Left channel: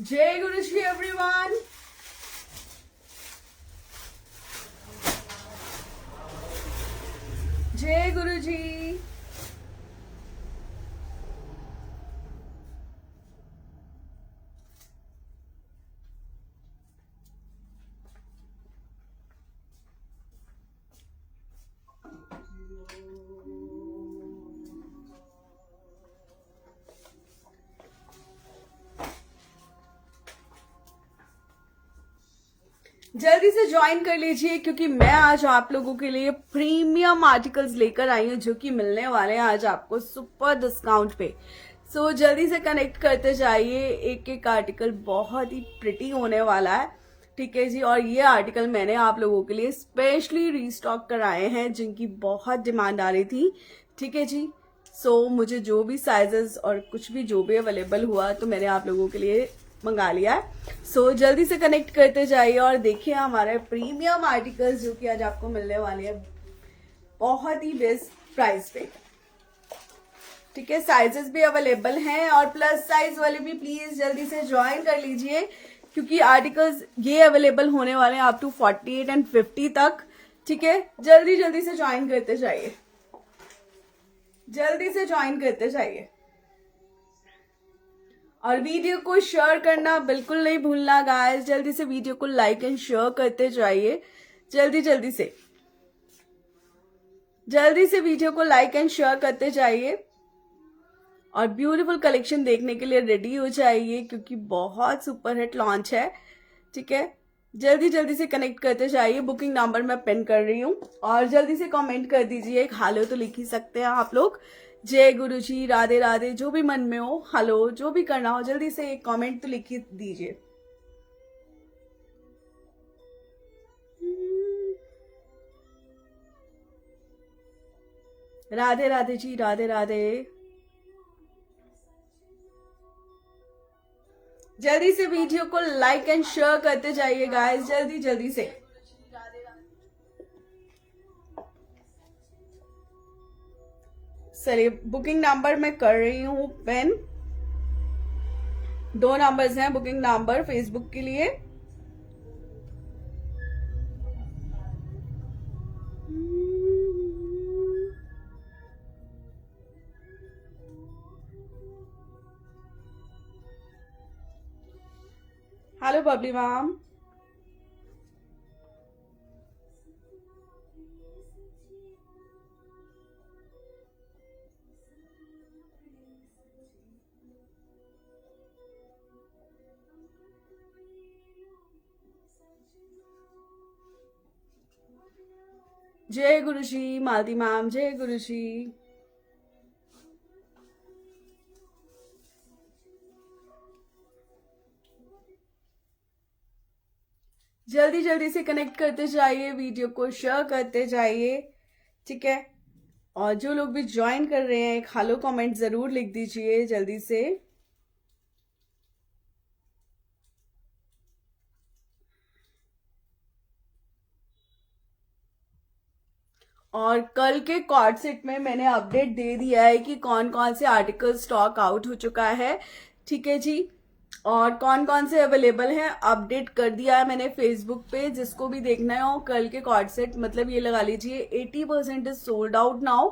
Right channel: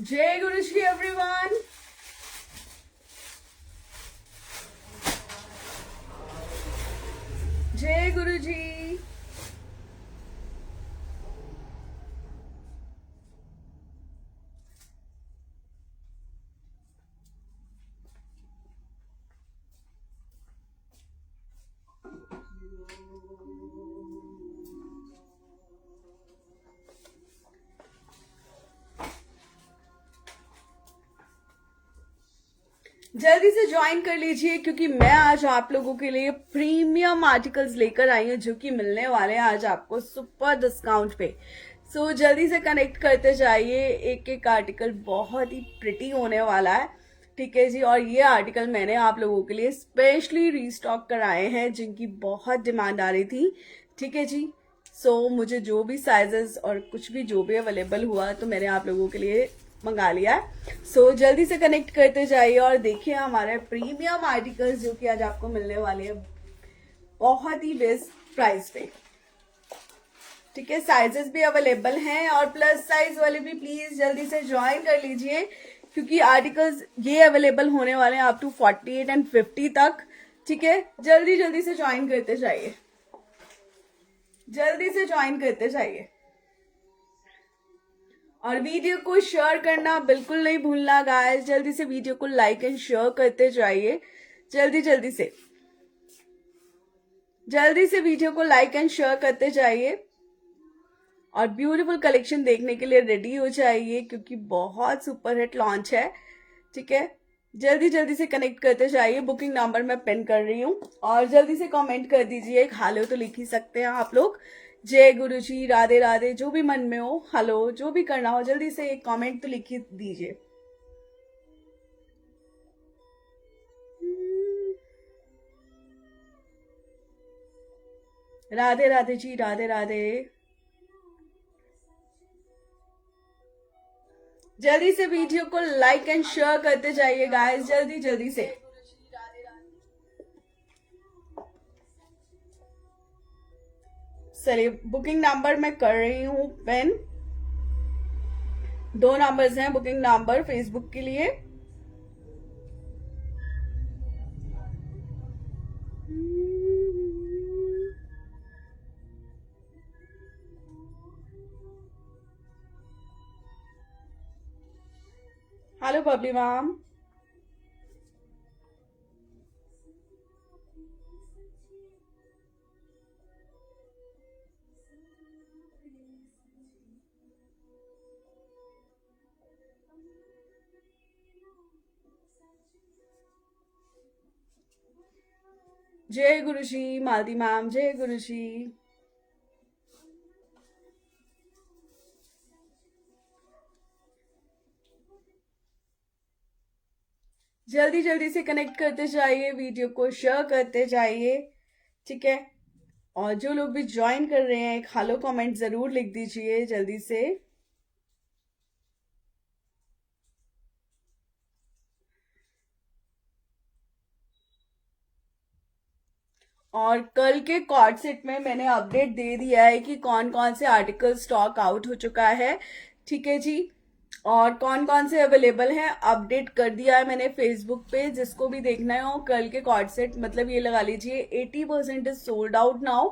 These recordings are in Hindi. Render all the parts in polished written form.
जय गुरु श्री एवरीवन। जय गुरु जी। जल्दी से ज्वाइन कर लीजिए क्योंकि मैं आज आप लोगों के लिए प्रीमियम आर्टिकल्स लेकर आई हूँ जो कि मिलने वाले हैं आज आपको सुपर डिस्काउंट पे। सो जल्दी से कनेक्ट करते जाइए। एक एक आर्टिकल बहुत ही प्रिटी होने वाला है, ठीक है जी। और ये आर्टिकल मैंने आप लोगों के लिए स्पेशली रीस्टॉक कराए हैं जिनकी बहुत डिमांड आ रही थी, ठीक है जी। सो मुझे जो भी साइजेस और कुछ भी जो भी अवेलेबल हुआ तो मैंने आप लोगों के लिए मंगा लिया है। सो जल्दी से कनेक्ट करते जाइए और देखिए हमारे प्रीमियम आर्टिकल्स जो कि आज आपको मिलने वाले हैं बहुत ही बेस्ट प्राइस पे, ठीक है। साइजेस भी अवेलेबल हैं और प्लस साइज वाले भी प्लीज जल्दी से ज्वाइन कर लीजिए क्योंकि आर्टिकल्स ये अवेलेबल होने वाले हैं अप टू 48 एंड 50 तक, ठीक है। जल्दी जल्दी से ज्वाइन करते जाइए, जल्दी से ज्वाइन करते जाइए और वीडियो को शेयर करना बिल्कुल नहीं भूलना गाइस। जल्दी से वीडियो को लाइक एंड शेयर करते जाइए, जल्दी जल्दी से वीडियो को लाइक एंड शेयर करते जाइए और ब्यूटीफुल कलेक्शन देखने के लिए रेडी हो जाइए क्योंकि बहुत सुपर हिट लॉन्च है, ठीक है। जल्दी से कनेक्ट करते जाइए। बुकिंग नंबर मैं पिन कर रही हूँ और जल्दी से कमेंट कर दीजिए। एक हेलो तो लिख ही सकते हैं आप लोग। जय गुरु जी, राधे राधे, जो भी मन में हो, हेलो जो भी करना हो जल्दी से एक कमेंट तो लिख ही दीजिए। राधे राधे जी, राधे राधे। जल्दी से वीडियो को लाइक एंड शेयर करते जाइए गाइस, जल्दी से। चलिए बुकिंग नंबर मैं कर रही हूँ पेन। 2 नंबर्स हैं बुकिंग नंबर फेसबुक के लिए। Hello Babli ma'am. जय गुरु जी, मालती मैम, जय गुरु जी। जल्दी से कनेक्ट करते जाइए, वीडियो को शेयर करते जाइए, ठीक है। और जो लोग भी ज्वाइन कर रहे हैं एक हेलो कमेंट जरूर लिख दीजिए जल्दी से। और कल के कॉर्ड सेट में मैंने अपडेट दे दिया है कि कौन कौन से आर्टिकल स्टॉक आउट हो चुका है, ठीक है जी। और कौन कौन से अवेलेबल हैं अपडेट कर दिया है मैंने फेसबुक पे। जिसको भी देखना है हो कल के कॉर्ड सेट, मतलब ये लगा लीजिए 80% इज सोल्ड आउट नाउ,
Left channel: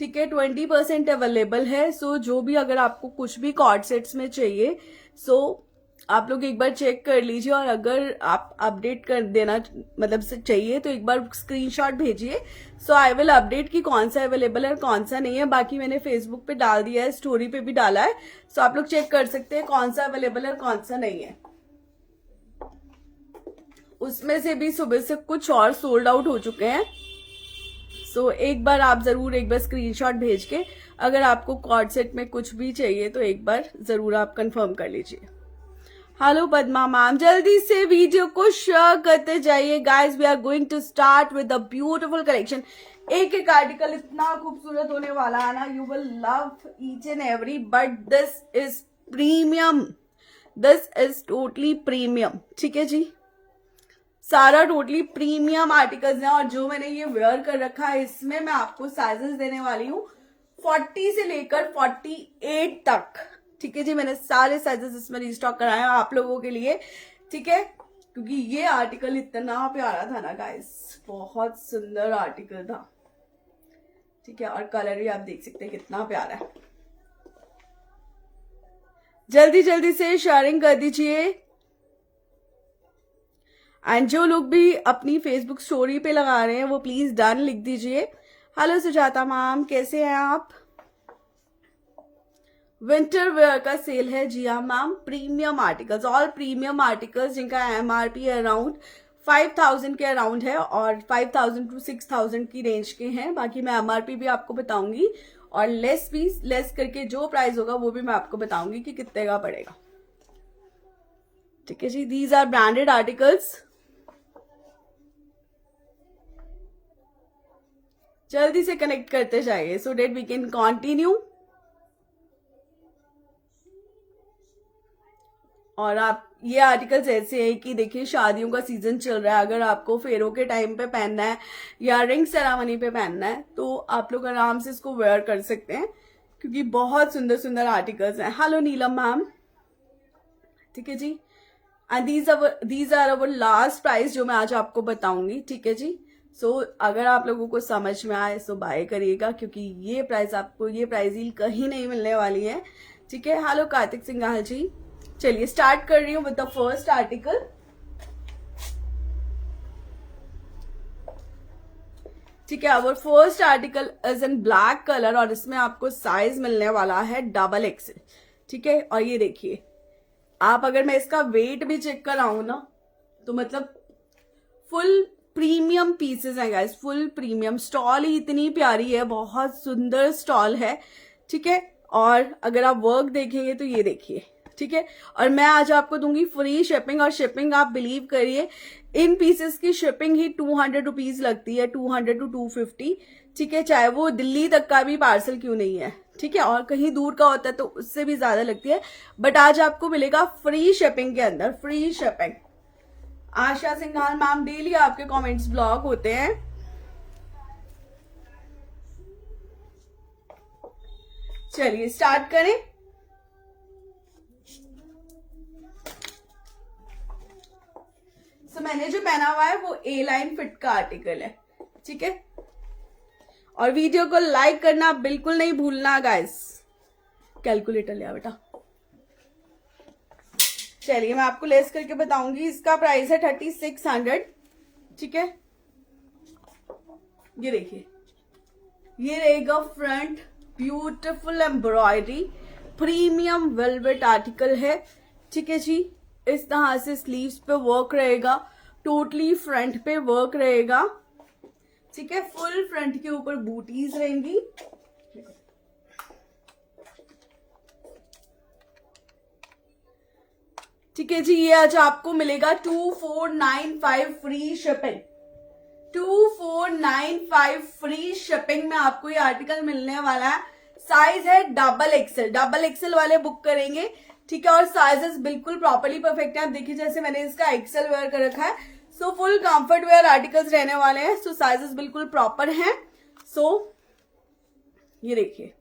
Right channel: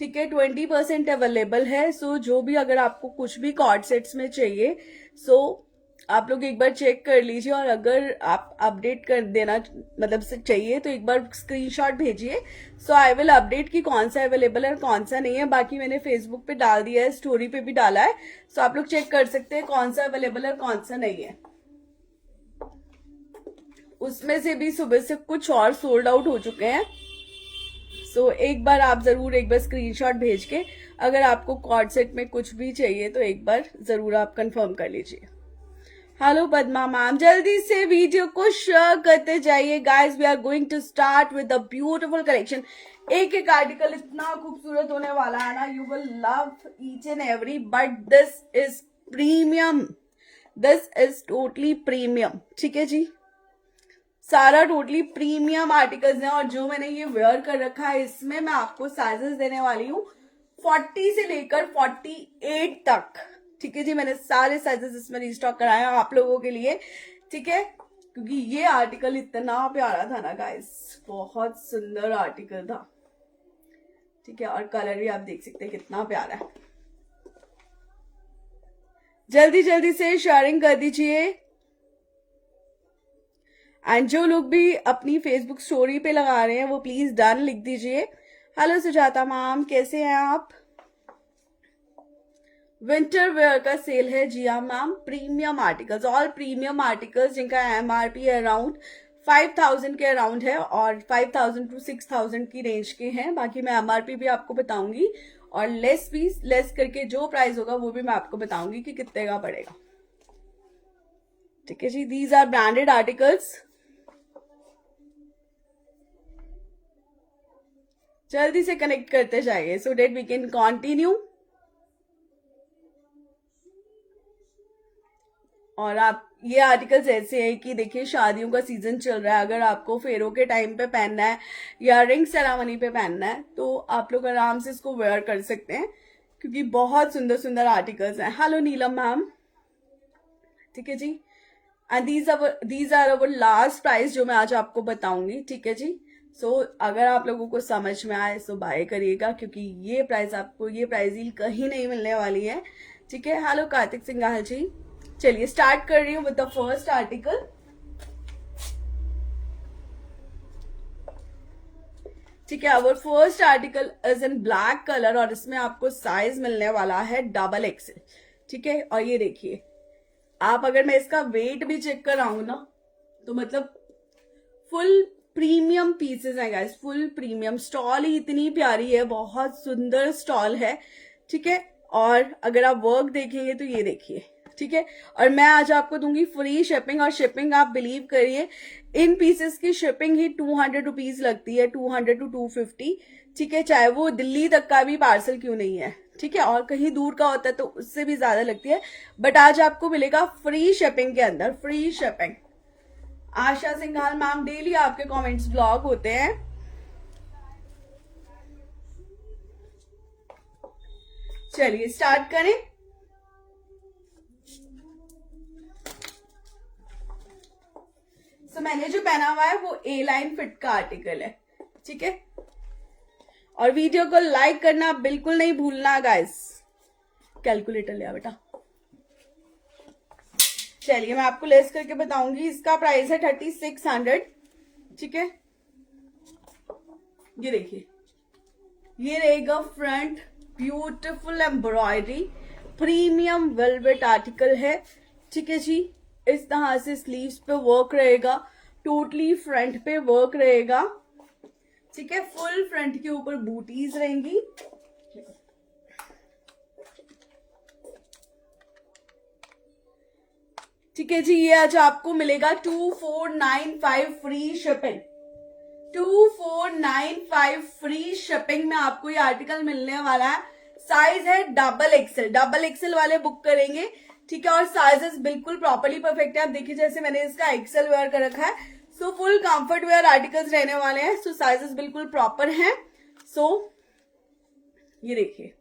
ठीक है। 20% अवेलेबल है। सो जो भी अगर आपको कुछ भी कॉर्ड सेट्स में चाहिए सो आप लोग एक बार चेक कर लीजिए और अगर आप अपडेट कर देना मतलब से चाहिए तो एक बार स्क्रीनशॉट भेजिए। सो आई विल अपडेट कि कौन सा अवेलेबल है और कौन सा नहीं है। बाकी मैंने फेसबुक पे डाल दिया है, स्टोरी पे भी डाला है। सो आप लोग चेक कर सकते हैं कौन सा अवेलेबल है और कौन सा नहीं है। उसमें से भी सुबह से कुछ और सोल्ड आउट हो चुके हैं। सो एक बार आप जरूर एक बार स्क्रीनशॉट भेज के अगर आपको कॉर्ड सेट में कुछ भी चाहिए तो एक बार जरूर आप कंफर्म कर लीजिए। हेलो पद्मा मैम, जल्दी से वीडियो को शेयर करते जाइए guys. We are going to start with the beautiful collection. एक एक आर्टिकल इतना खूबसूरत होने वाला है ना, you will love each and every, but this is premium, this is totally premium, ठीक है जी। सारा टोटली प्रीमियम आर्टिकल्स हैं और जो मैंने ये वेयर कर रखा है इसमें मैं आपको साइजेस देने वाली हूँ 40 से लेकर 48 तक। ठीक है जी, मैंने सारे साइजेस इसमें रिस्टॉक कराया आप लोगों के लिए। ठीक है, क्योंकि ये आर्टिकल इतना प्यारा था ना गाइस, बहुत सुंदर आर्टिकल था। ठीक है, और कलर भी आप देख सकते हैं कितना प्यारा है। जल्दी जल्दी से शेयरिंग कर दीजिए। एंड जो लोग भी अपनी फेसबुक स्टोरी पे लगा रहे हैं वो प्लीज डन लिख दीजिए। हेलो सुजाता मैम, कैसे हैं आप? विंटर वेयर का सेल है। जी हाँ ma'am, premium articles, all premium articles जिनका एमआरपी अराउंड 5000 के अराउंड है और 5000 टू 6000 की रेंज के हैं। बाकी मैं एमआरपी भी आपको बताऊंगी और लेस करके जो प्राइस होगा वो भी मैं आपको बताऊंगी कि कितने का पड़ेगा। ठीक है जी, दीज आर ब्रांडेड आर्टिकल्स। जल्दी से कनेक्ट करते जाइए सो डेट वी कैन कंटिन्यू। और आप ये आर्टिकल्स ऐसे हैं कि देखिए शादियों का सीजन चल रहा है, अगर आपको फेरों के टाइम पे पहनना है या रिंग सेरेमनी पे पहनना है तो आप लोग आराम से इसको वेयर कर सकते हैं, क्योंकि बहुत सुंदर सुंदर आर्टिकल्स हैं। Hello Neelam ma'am. ठीक है जी, and these are our last price जो मैं आज आपको बताऊंगी। ठीक है जी, सो अगर आप लोगों को समझ में आए सो बाय करिएगा, क्योंकि ये प्राइस आपको, ये प्राइस ही कहीं नहीं मिलने वाली है। ठीक है, हेलो कार्तिक सिंघाल जी। चलिए स्टार्ट कर रही हूँ विद द फर्स्ट आर्टिकल। ठीक है, our first article is in black colour और इसमें आपको साइज मिलने वाला है डबल एक्सेल। ठीक है, और ये देखिए आप, अगर मैं इसका वेट भी चेक कराऊं ना तो मतलब फुल प्रीमियम पीसेस हैं गाइस, फुल प्रीमियम। स्टॉल ही इतनी प्यारी है, बहुत सुंदर स्टॉल है। ठीक है, और अगर आप वर्क देखेंगे तो ये देखिए। ठीक है, और मैं आज आपको दूंगी फ्री शिपिंग, और शिपिंग आप बिलीव करिए इन पीसेस की शिपिंग ही 200 रुपीज लगती है, 200 टू 250। ठीक है, चाहे वो दिल्ली तक का भी पार्सल क्यों नहीं है। ठीक है, और कहीं दूर का होता है तो उससे भी ज्यादा लगती है, बट आज आपको मिलेगा फ्री शिपिंग के अंदर, फ्री शिपिंग। आशा सिंघाल मैम, डेली आपके कमेंट्स ब्लॉग होते हैं। चलिए स्टार्ट करें। तो मैंने जो पहना हुआ है वो ए लाइन फिट का आर्टिकल है। ठीक है, और वीडियो को लाइक करना बिल्कुल नहीं भूलना गाइस। कैलकुलेटर लिया बेटा। चलिए मैं आपको लेस करके बताऊंगी। इसका प्राइस है 3600। ठीक है, ये देखिए, ये रहेगा front, beautiful embroidery, premium velvet article है। ठीक है जी, इस तरह से स्लीव्स पे वर्क रहेगा, टोटली फ्रंट पे वर्क रहेगा। ठीक है, फुल फ्रंट के ऊपर बूटीज रहेंगी। ठीक है जी, ये आज आपको मिलेगा 2495 फ्री शिपिंग। 2495 फ्री शिपिंग में आपको ये आर्टिकल मिलने वाला है। साइज है डबल एक्सेल, डबल एक्सेल वाले बुक करेंगे। ठीक है, और साइजेस बिल्कुल प्रॉपर्ली परफेक्ट है। आप देखिए जैसे मैंने इसका एक्सेल वेयर कर रखा है, so full comfort wear articles रहने वाले हैं। सो साइजेस बिल्कुल प्रॉपर हैं। सो ये देखिए,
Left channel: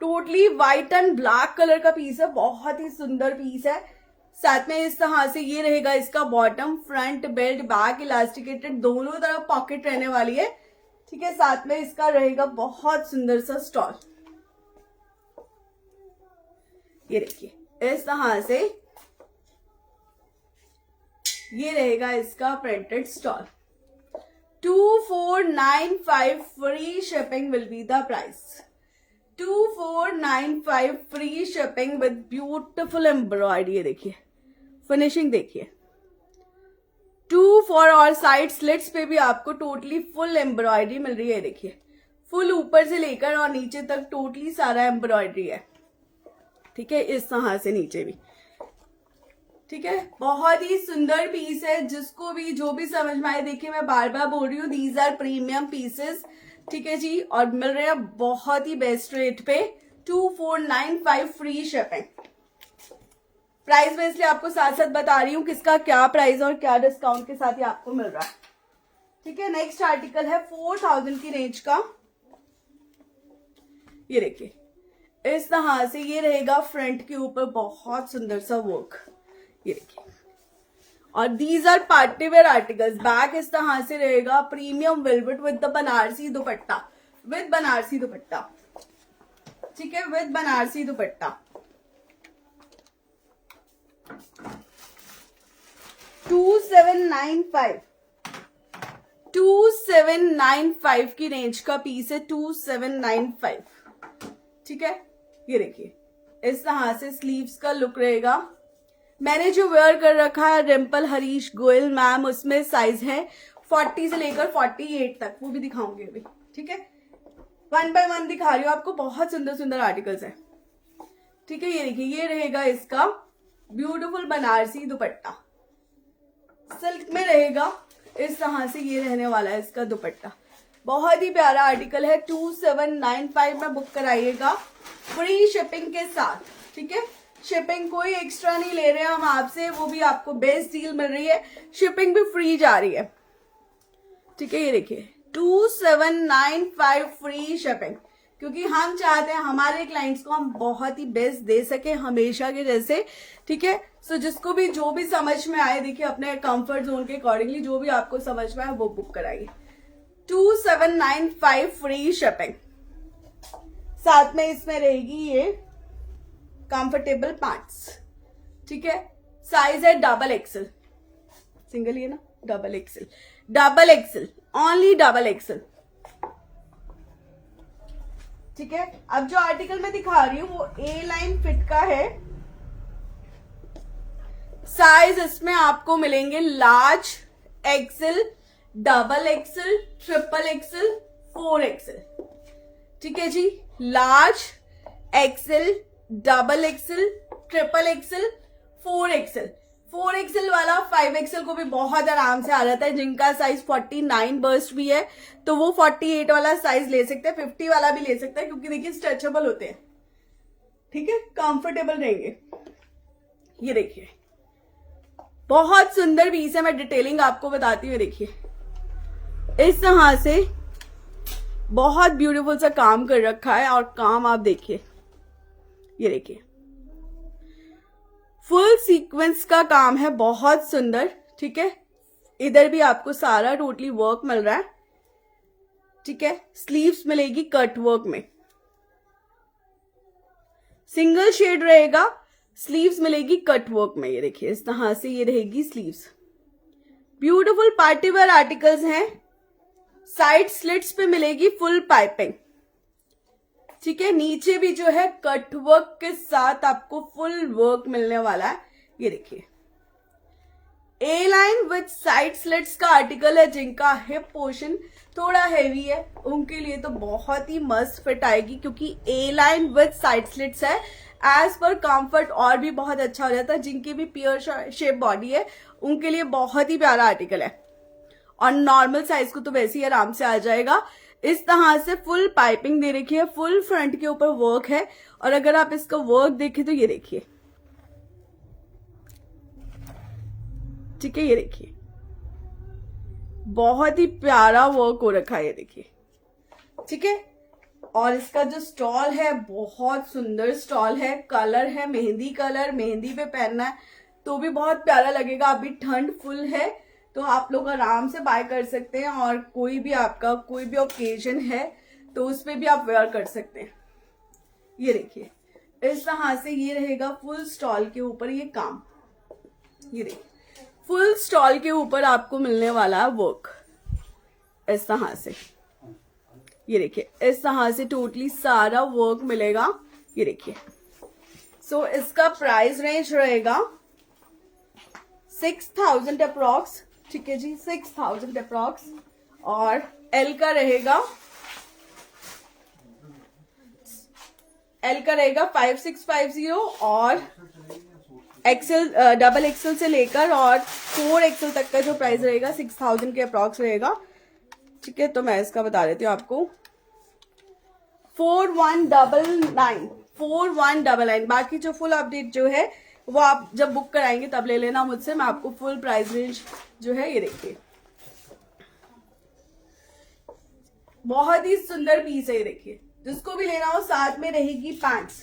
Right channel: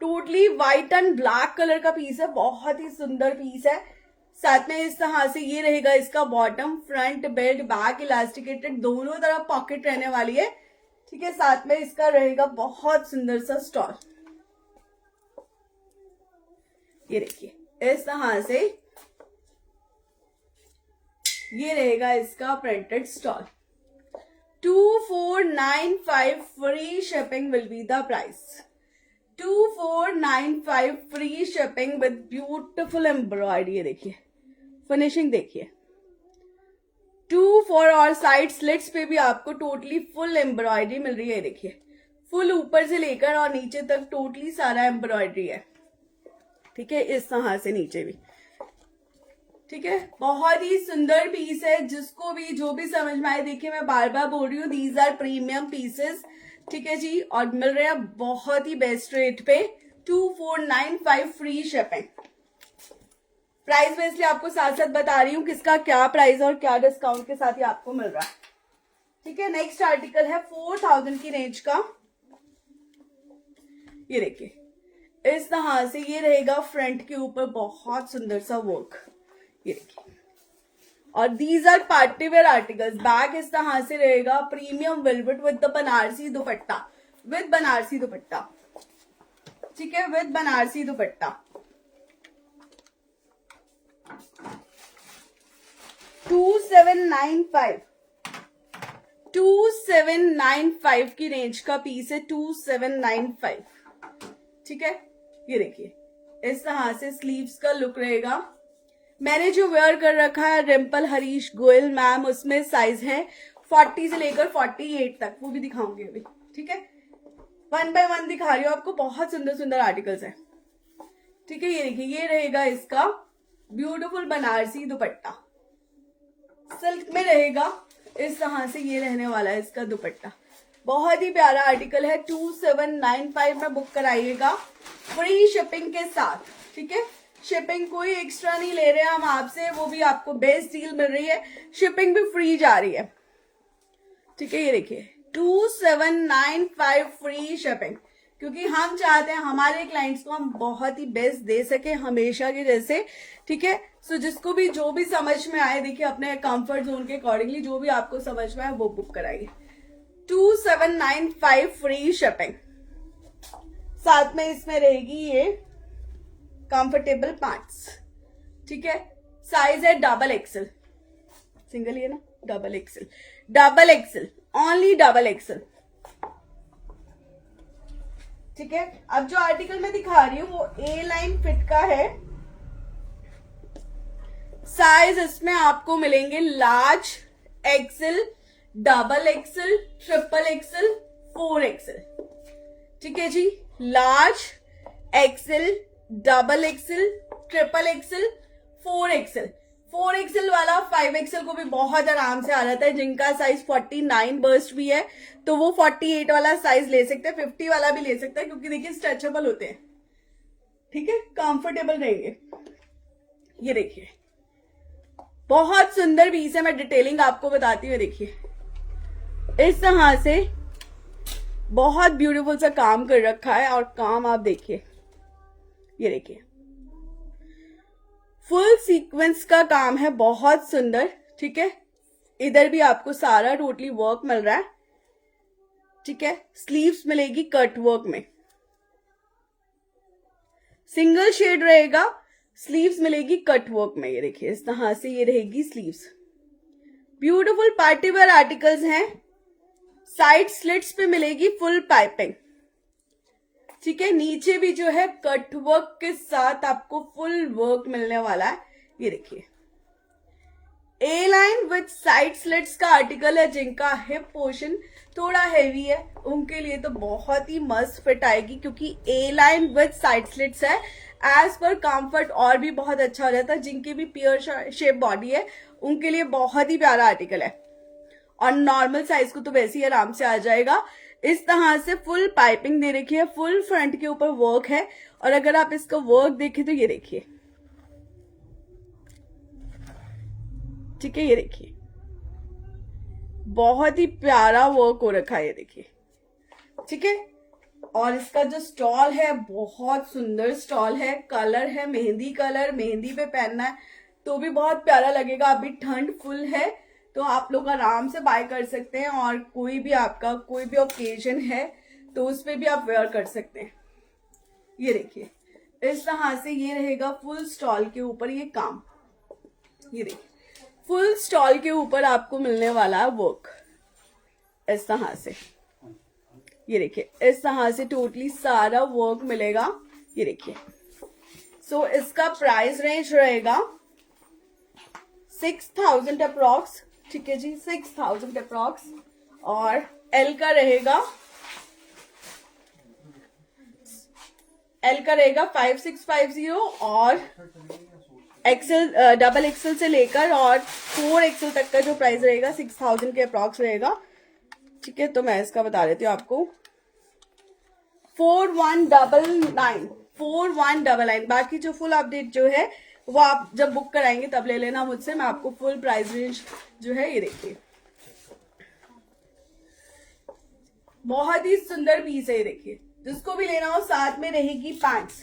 totally white and black colour का पीस है, बहुत ही सुंदर पीस है। साथ में इस तरह से ये रहेगा इसका bottom, front belt, back elasticated, दोनों तरफ पॉकेट रहने वाली है। ठीक है, साथ में इसका रहेगा बहुत सुंदर सा स्टॉल। ये देखिए इस तरह से ये रहेगा इसका printed stall. 2495 free shipping will be the price. 2495 free shipping with beautiful embroidery. देखिए फिनिशिंग देखिए, 2 4 और साइड स्लिट्स पे भी आपको टोटली फुल एम्ब्रॉयडरी मिल रही है। देखिए फुल ऊपर से लेकर और नीचे तक टोटली सारा एम्ब्रॉयडरी है। ठीक है, इस तरह से नीचे भी। ठीक है, बहुत ही सुंदर पीस है, जिसको भी जो भी समझ में आए। देखिए मैं बार बार बोल रही हूँ, दीज आर प्रीमियम पीसेस। ठीक है जी, और मिल रहे हैं बहुत ही बेस्ट रेट पे। 2495 फ्री शिपिंग। प्राइस में इसलिए आपको साथ साथ बता रही हूँ किसका क्या प्राइस और क्या डिस्काउंट के साथ ही आपको मिल रहा है। ठीक है, नेक्स्ट आर्टिकल है 4000 की रेंज का। ये देखिए इस तरह से ये रहेगा फ्रंट के ऊपर, बहुत सुंदर सा वर्क। ये देखिए, और these are party wear articles. Back इस तरह से रहेगा, premium velvet with the Banarasi dupatta, with Banarasi dupatta, ठीक है, विद बनारसी दुपट्टा। 2795 2795 की रेंज का पीस है, 2795, ठीक है। ये देखिए इस तरह से स्लीव्स का लुक रहेगा। मैंने जो वेयर कर रखा है रिम्पल हरीश गोयल मैम, उसमें साइज है 40 से लेकर 48 तक, वो भी दिखाऊंगी अभी, ठीक है। 1 बाय 1 दिखा रही हूँ आपको, बहुत सुंदर सुंदर आर्टिकल्स है, ठीक है। ये देखिए ये रहेगा इसका ब्यूटीफुल बनारसी दुपट्टा, सिल्क में रहेगा, इस तरह से ये रहने वाला है इसका दुपट्टा। बहुत ही प्यारा आर्टिकल है, 2795 में बुक कराइएगा, फ्री शिपिंग के साथ, ठीक है। शिपिंग कोई एक्स्ट्रा नहीं ले रहे हैं हम आपसे, वो भी आपको बेस्ट डील मिल रही है, शिपिंग भी फ्री जा रही है, ठीक है। ये देखिए 2795 फ्री शिपिंग, क्योंकि हम चाहते हैं हमारे क्लाइंट्स को हम बहुत ही बेस्ट दे सके हमेशा के जैसे, ठीक है। सो जिसको भी जो भी समझ में आए, देखिए अपने कंफर्ट जोन के अकॉर्डिंगली जो भी आपको समझ में आए वो बुक कराइए। 2795 फ्री शिपिंग, साथ में इसमें रहेगी ये कंफर्टेबल पैंट्स, ठीक है। साइज है डबल एक्सल, सिंगल ये ना, double axle, double axle, only double axle, ठीक है। अब जो आर्टिकल मैं दिखा रही हूँ वो ए लाइन फिट का है। साइज इसमें आपको मिलेंगे large, XL, double XL, triple XL, 4 XL, ठीक है जी। Large, XL, double XL, triple XL, 4 XL. 4 XL वाला 5 एक्सल को भी बहुत आराम से आ जाता है। जिनका साइज 49 बर्स्ट भी है तो वो 48 वाला साइज ले सकते हैं, 50 वाला भी ले सकते हैं, क्योंकि देखिए स्ट्रेचेबल होते हैं, ठीक है, कंफर्टेबल रहेंगे। ये देखिए बहुत सुंदर पीस है, मैं डिटेलिंग आपको बताती हूँ। देखिए इस तरह से बहुत ब्यूटीफुल सा काम कर रखा है, और काम आप देखिए, ये देखिए फुल सीक्वेंस का काम है, बहुत सुंदर, ठीक है। इधर भी आपको सारा टोटली वर्क मिल रहा है, ठीक है। स्लीव्स मिलेगी कट वर्क में, सिंगल शेड रहेगा, स्लीव्स मिलेगी कट वर्क में। ये देखिए इस तरह से ये रहेगी sleeves. Beautiful party wear articles हैं। साइड स्लिट्स पे मिलेगी फुल पाइपिंग, ठीक है। नीचे भी जो है कट वर्क के साथ आपको फुल वर्क मिलने वाला है। ये देखिए ए लाइन विद साइड स्लिट्स का आर्टिकल है। जिनका हिप पोर्शन थोड़ा हैवी है उनके लिए तो बहुत ही मस्त फिट आएगी, क्योंकि ए लाइन विद साइड स्लिट्स है। एज पर कंफर्ट और भी बहुत अच्छा हो जाता है। जिनकी भी पियर शेप बॉडी है उनके लिए बहुत ही प्यारा आर्टिकल है, और नॉर्मल साइज को तो वैसे ही आराम से आ जाएगा। इस तरह से फुल पाइपिंग दे रखी है, फुल फ्रंट के ऊपर वर्क है, और अगर आप इसका वर्क देखें तो ये देखिए, ठीक है। ये देखिए बहुत ही प्यारा वर्क हो रखा है, ये देखिए, ठीक है। और इसका जो स्टॉल है बहुत सुंदर स्टॉल है, कलर है मेहंदी कलर, मेहंदी पे पहनना है तो भी बहुत प्यारा लगेगा। अभी ठंड फुल है तो आप लोग आराम से बाय कर सकते हैं, और कोई भी आपका कोई भी ओकेजन है तो उस पर भी आप वेयर कर सकते हैं। ये देखिए इस तरह से ये रहेगा फुल स्टॉल के ऊपर ये काम। ये देखिए फुल स्टॉल के ऊपर आपको मिलने वाला है वर्क इस तरह से। ये देखिए इस तरह से टोटली सारा वर्क मिलेगा। ये देखिए सो इसका प्राइस रेंज रहेगा 6000 अप्रॉक्स, ठीक है जी, 6000 अप्रॉक्स। और एल का रहेगा 5650, और एक्सेल डबल एक्सेल से लेकर और 4 एक्सेल तक का जो प्राइस रहेगा 6000 के अप्रॉक्स रहेगा, ठीक है। तो मैं इसका बता देती हूँ आपको 4199। बाकी जो फुल अपडेट जो है वो आप जब बुक कराएंगे तब ले लेना मुझसे, मैं आपको फुल प्राइस रेंज जो है ये देखिए बहुत ही सुंदर पीस है। ये देखिए जिसको भी लेना हो साथ में रहेगी पैंट्स,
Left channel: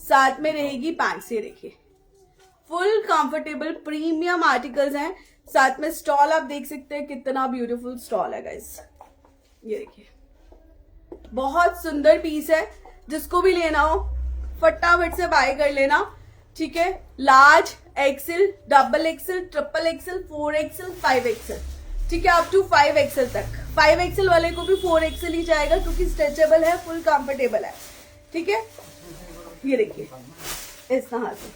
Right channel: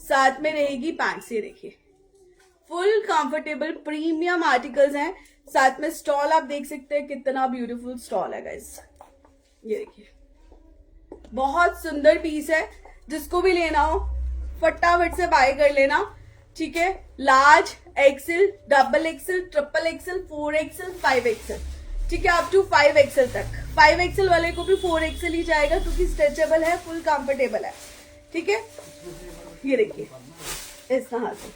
साथ में रहेगी पैंट्स। ये देखिए फुल कंफर्टेबल प्रीमियम आर्टिकल्स हैं। साथ में स्टॉल आप देख सकते हैं, कितना ब्यूटीफुल स्टॉल है गाइस। ये देखिए बहुत सुंदर पीस है, जिसको भी लेना हो फटाफट से बाय कर लेना, ठीक है। Large, XL, double XL, triple XL, 4XL, 5XL, ठीक है, अप टू 5XL तक। 5XL वाले को भी 4XL ही जाएगा क्योंकि स्ट्रेचेबल है, फुल कंफर्टेबल है, ठीक है। ये देखिए इस तरह से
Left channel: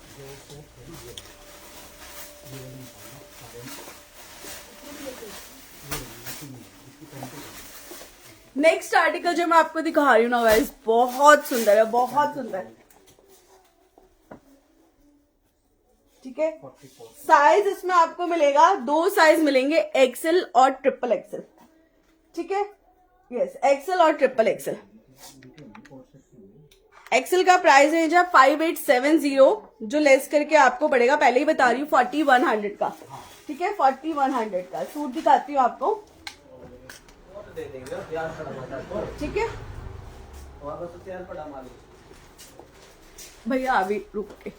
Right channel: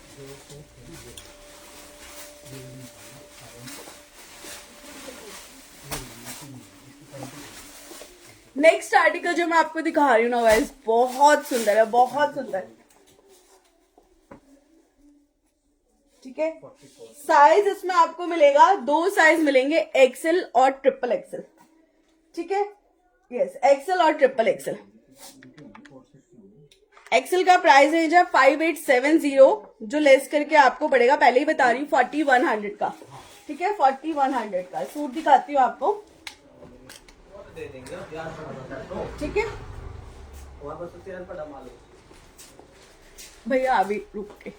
नेक्स्ट आर्टिकल जो मैं आपको दिखा रही हूँ ना गाइस, बहुत सुंदर है, बहुत सुंदर, ठीक है। साइज इसमें आपको मिलेगा, 2 साइज मिलेंगे, एक्सेल और ट्रिपल एक्सेल, ठीक है। यस, एक्सेल और ट्रिपल एक्सेल। एक्सेल का प्राइस रेंज है 5870, जो लेस करके आपको पड़ेगा, पहले ही बता रही हूँ, 4100 का, ठीक है, 4100 का। सूट दिखाती हूँ आपको, ठीक है भैया, अभी रुक के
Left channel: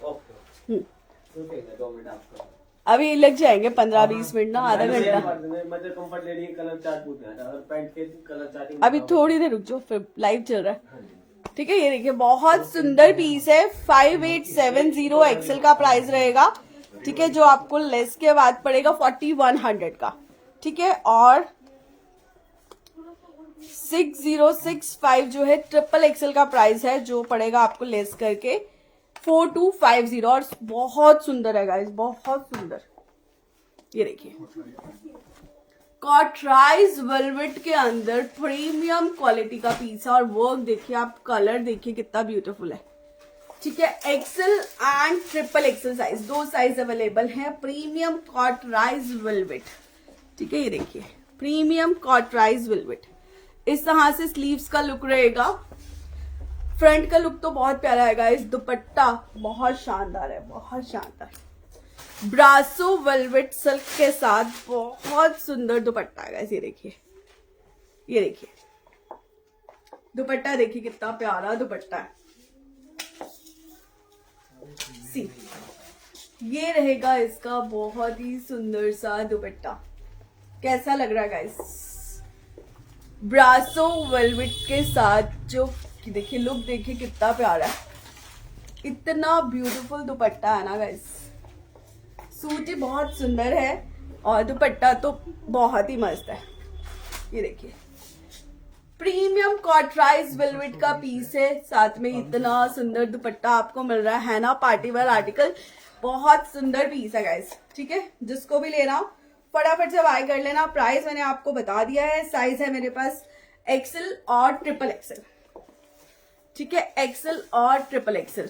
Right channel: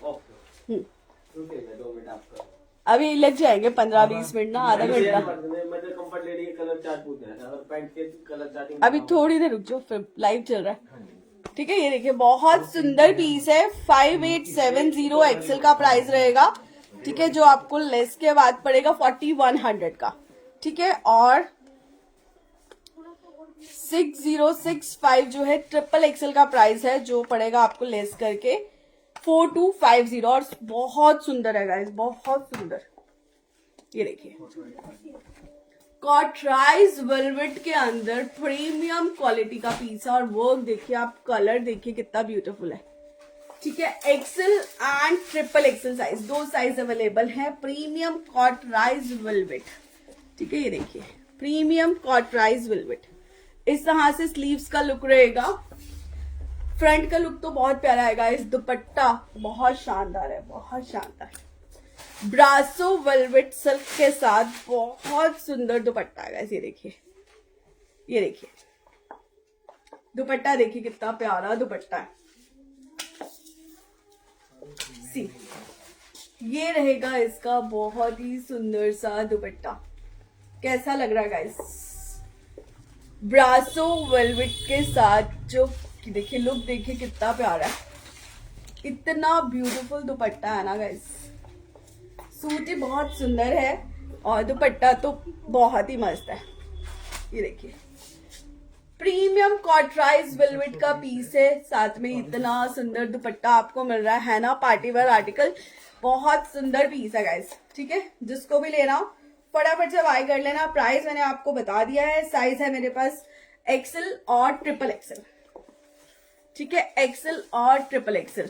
अभी लग जाएंगे 15-20 मिनट ना, आधा घंटा। अभी थोड़ी देर रुक जाओ, फिर लाइव चल रहा है, ठीक है। ये देखिए बहुत सुंदर पीस है, 5870 एक्सेल का प्राइस रहेगा, ठीक है, जो आपको लेस के बाद पड़ेगा 4100 का, ठीक है। और 6065 जो है ट्रिपल एक्सेल का प्राइस है, जो पड़ेगा आपको लेस करके 4250। और बहुत सुंदर है गाइस, बहुत सुंदर। ये देखिए कॉटराइज वेलवेट के अंदर प्रीमियम क्वालिटी का पीस है, और वर्क देखिए आप, कलर देखिए कितना ब्यूटीफुल है, ठीक है। XL and triple XL size, 2 size available है। प्रीमियम कॉटराइज वेलवेट, ठीक है। ये देखिए प्रीमियम कॉटराइज वेलवेट, इस तरह से स्लीव्स का लुक रहेगा। फ्रंट का लुक तो बहुत प्यारा है गाइस, दुपट्टा बहुत शानदार है, बहुत शानदार। ब्रासो वेलवेट सिल्क के साथ बहुत सुंदर दुपट्टा है गाइस। ये देखिए, ये देखिए दुपट्टा, देखिए कितना प्यारा दुपट्टा है। सी, ये रहेगा इसका बहुत ही सुंदर सा दुपट्टा। कैसा लग रहा है गाइस? ब्रासो वेलवेट के साथ जो देखिए लुक, देखिए कितना प्यारा है, इतना ब्यूटीफुल दुपट्टा है ना गाइस। सूट ही बहुत सुंदर है और दुपट्टा तो बहुत ही मस्त है। ये देखिए प्रीमियम कॉटराइज वेलवेट का पीस है, साथ में इतना सुंदर दुपट्टा आपको मिल रहा है ना, पार्टी वेयर आर्टिकल, बहुत सुंदर पीस है गाइस, ठीक है। जिसको भी लेना हो फटाफट से बाय कर लेना। प्राइस मैंने आपको बता दिया है, साइज है मेरे पास एक्सेल और ट्रिपल एक्सेल, ठीक है, एक्सेल और ट्रिपल एक्सेल।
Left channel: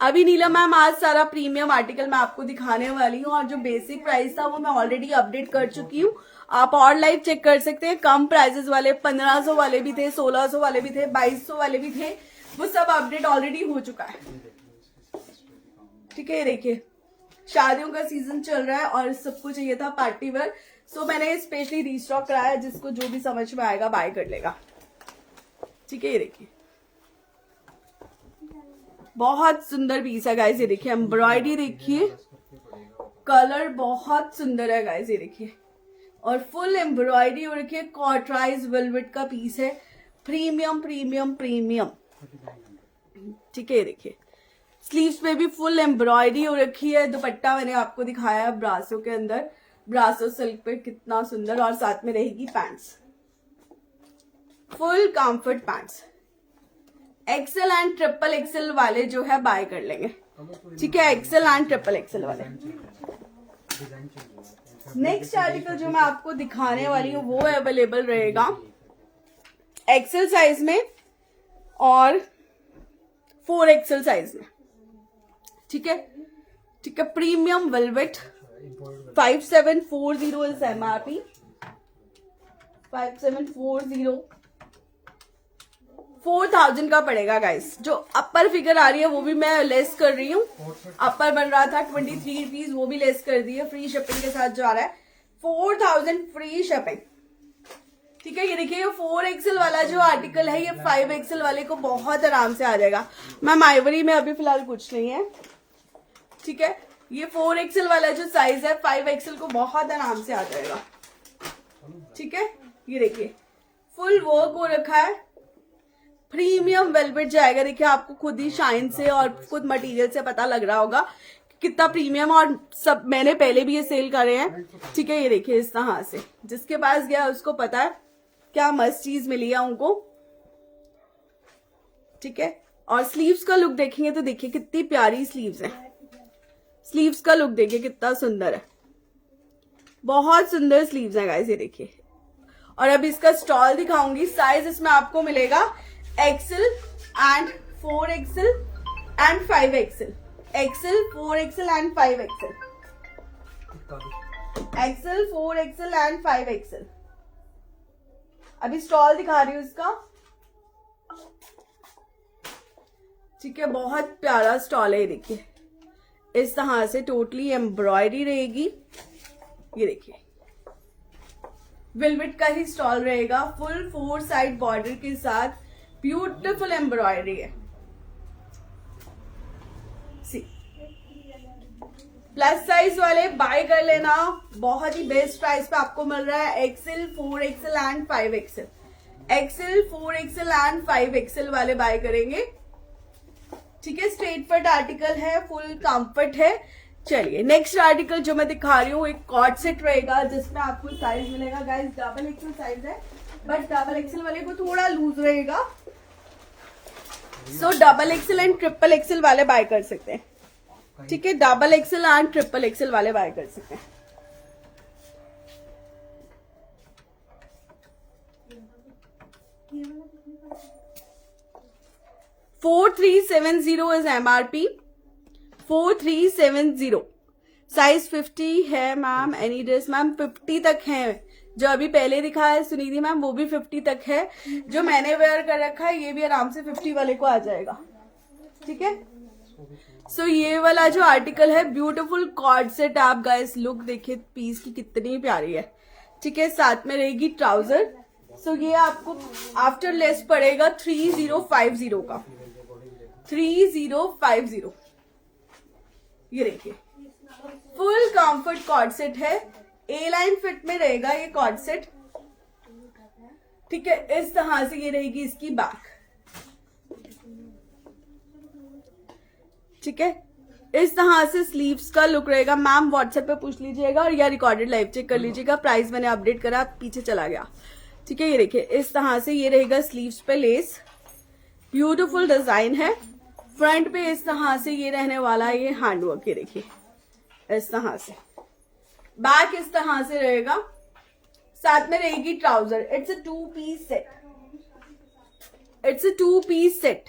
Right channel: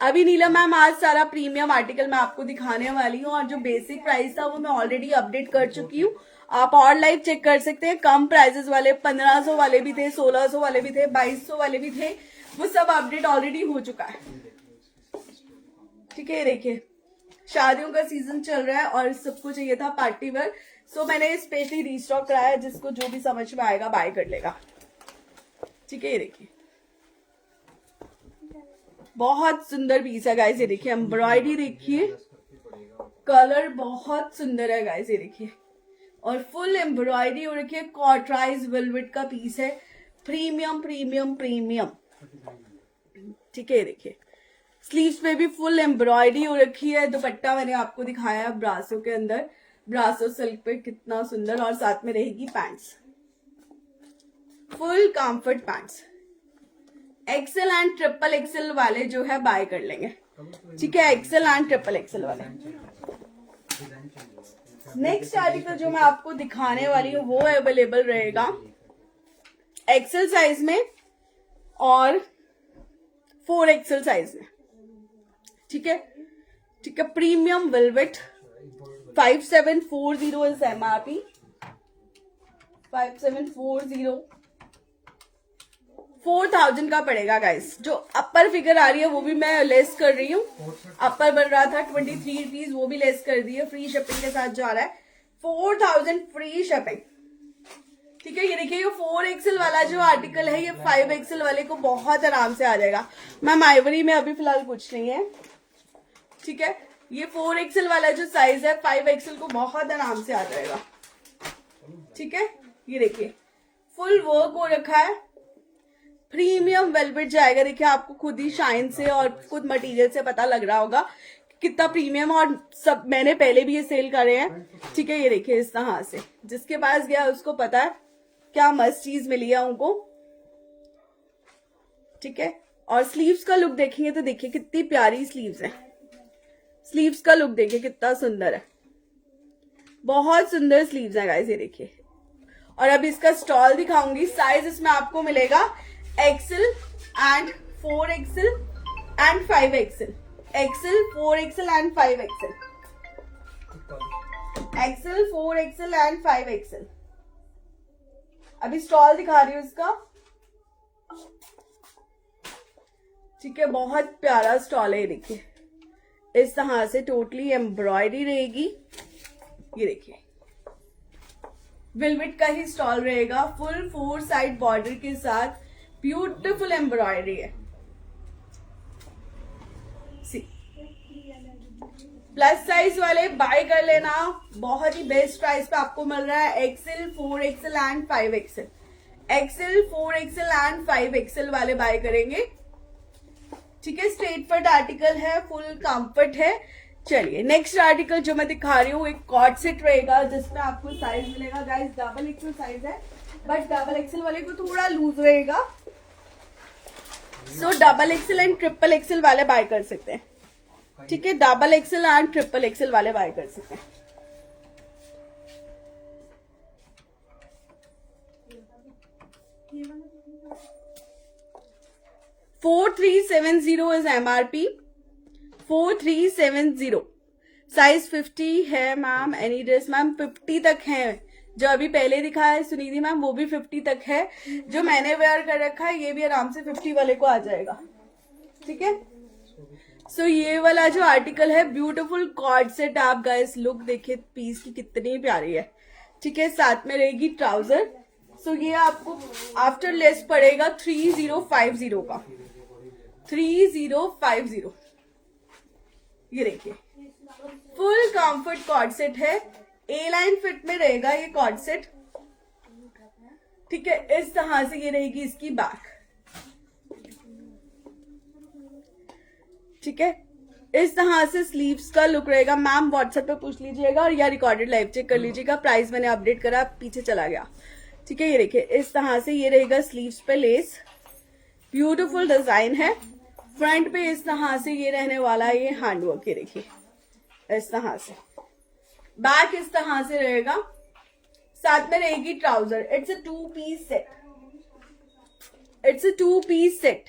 अभी नीला मैम आज सारा प्रीमियम आर्टिकल मैं आपको दिखाने वाली हूँ, और जो बेसिक प्राइस था वो मैं ऑलरेडी अपडेट कर चुकी हूँ, आप और लाइव चेक कर सकते हैं। कम प्राइसेस वाले 1500 वाले भी थे, 1600 वाले भी थे, 2200 वाले भी थे, वो सब अपडेट ऑलरेडी हो चुका है, ठीक है। देखिए शादियों का सीजन चल रहा है और सबको चाहिए था पार्टी वेयर, सो मैंने स्पेशली रीस्टॉक कराया, जिसको जो भी समझ में आएगा बाय कर लेगा, ठीक है। ये देखिए बहुत सुंदर पीस है गाइस। ये देखिए एम्ब्रॉयडरी देखिए, कलर बहुत सुंदर है गाइस। ये देखिए और फुल एम्ब्रॉयडरी हो रखी है, कॉटराइज वेलवेट का पीस है, प्रीमियम प्रीमियम प्रीमियम, ठीक है। ये देखिए स्लीव्स पे भी फुल एम्ब्रॉयडरी हो रखी है। दुपट्टा मैंने आपको दिखाया है ब्रासो के अंदर, ब्रासो सिल्क पे, कितना सुंदर, और साथ में रहेगी pants, full comfort pants. XL and triple XL वाले जो है बाय कर लेंगे, ठीक है, एक्सेल एंड ट्रिपल एक्सेल वाले। नेक्स्ट आर्टिकल जो मैं आपको दिखाने वाली हूँ वो अवेलेबल रहेगा एक्सेल साइज में और 4XL साइज में, ठीक है, ठीक है। प्रीमियम वेलवेट 5740 इज MRP, 5740, 4000 का पड़ेगा गाइस। जो अपर फिगर आ रही है वो भी मैं लेस कर रही हूँ, अपर बन रहा था 23 रुपीज, वो भी लेस कर दी है, फ्री शिपिंग के साथ जा रहा है, 4000 फ्री शिपिंग, ठीक है, ये देखिए ये 4XL वाला जो आर्टिकल है ये 5XL वाले को बहुत आराम से आ जाएगा। मैम आइवरी में अभी फिलहाल कुछ नहीं है, ठीक है। ये 4XL वाला जो साइज है 5XL को बहुत आराम से आ जाएगा, ठीक है। ये देखिए फुल वर्क हो रखा है, प्रीमियम वेलवेट जाएगा। देखिए आपको खुद ही शाइन से और खुद मटेरियल से पता लग रहा होगा कितना प्रीमियम, और सब मैंने पहले भी ये सेल करे हैं, ठीक है। ये देखिए इस तरह से, जिसके पास गया उसको पता है क्या मस्त चीज मिली है उनको, ठीक है। और स्लीव्स का लुक देखेंगे तो देखिए कितनी प्यारी स्लीव्स है, स्लीव्स का लुक देखिए कितना सुंदर है, बहुत सुंदर स्लीव्स है गाइस, ये देखिए। और अब इसका स्टॉल दिखाऊंगी। साइज इसमें आपको मिलेगा XL and 4XL and 5XL, XL 4XL and 5XL, XL 4XL and 5XL। अभी स्टॉल दिखा रही हूँ इसका, ठीक है। बहुत प्यारा स्टॉल है, ये देखिए इस तरह से टोटली एम्ब्रॉयडरी रहेगी। ये देखिए वेलवेट का ही स्टॉल रहेगा, फुल 4 साइड बॉर्डर के साथ ब्यूटीफुल एम्ब्रॉयडरी है। प्लस साइज वाले बाय कर लेना, बहुत ही बेस्ट प्राइस पे आपको मिल रहा है। XL 4XL and 5XL, XL 4XL and 5XL वाले बाय करेंगे, ठीक है। स्ट्रेट फिट आर्टिकल है, फुल कंफर्ट है। चलिए नेक्स्ट आर्टिकल जो मैं दिखा रही हूँ एक कॉर्ड सेट रहेगा, जिसमें आपको साइज मिलेगा गाइस XXL साइज है, बट XXL वाले को थोड़ा लूज रहेगा, सो XXL एंड XXL वाले बाय कर सकते हैं, ठीक है। XXL एंड XXL वाले बाय कर सकते हैं। $4370 इज MRP, 4370। साइज 50 है मैम, एनी ड्रेस मैम 50 तक है। जो अभी पहले दिखाया है सुनिधि मैम वो भी 50 तक है, जो मैंने वेयर कर रखा है ये भी आराम से 50 वाले को आ जाएगा, ठीक है। सो ये वाला जो आर्टिकल है ब्यूटीफुल कॉर्ड सेट, आप गाइस लुक देखिए पीस की कितनी प्यारी है, ठीक है। साथ में रहेगी ट्राउजर। सो ये आपको आफ्टर लेस पड़ेगा 3050 का, 3050। ये देखिए फुल कंफर्ट कॉर्ड सेट है, A लाइन फिट में रहेगा ये कॉर्ड सेट, ठीक है। इस तरह से ये रहेगी इसकी बैक, ठीक है। इस तरह से स्लीव्स का लुक रहेगा। मैम व्हाट्सएप पे पूछ लीजिएगा और या रिकॉर्डेड लाइव चेक कर लीजिएगा। प्राइस मैंने अपडेट करा, पीछे चला गया, ठीक है। ये देखिए इस तरह से ये रहेगा, स्लीव्स पे लेस, ब्यूटीफुल डिजाइन है। फ्रंट पे इस तरह से ये रहने वाला है, ये हैंडवर्क, ये देखिए इस तरह से। बैक इस तरह से रहेगा, साथ में रहेगी trouser. It's a 2 piece set, it's a 2 piece set.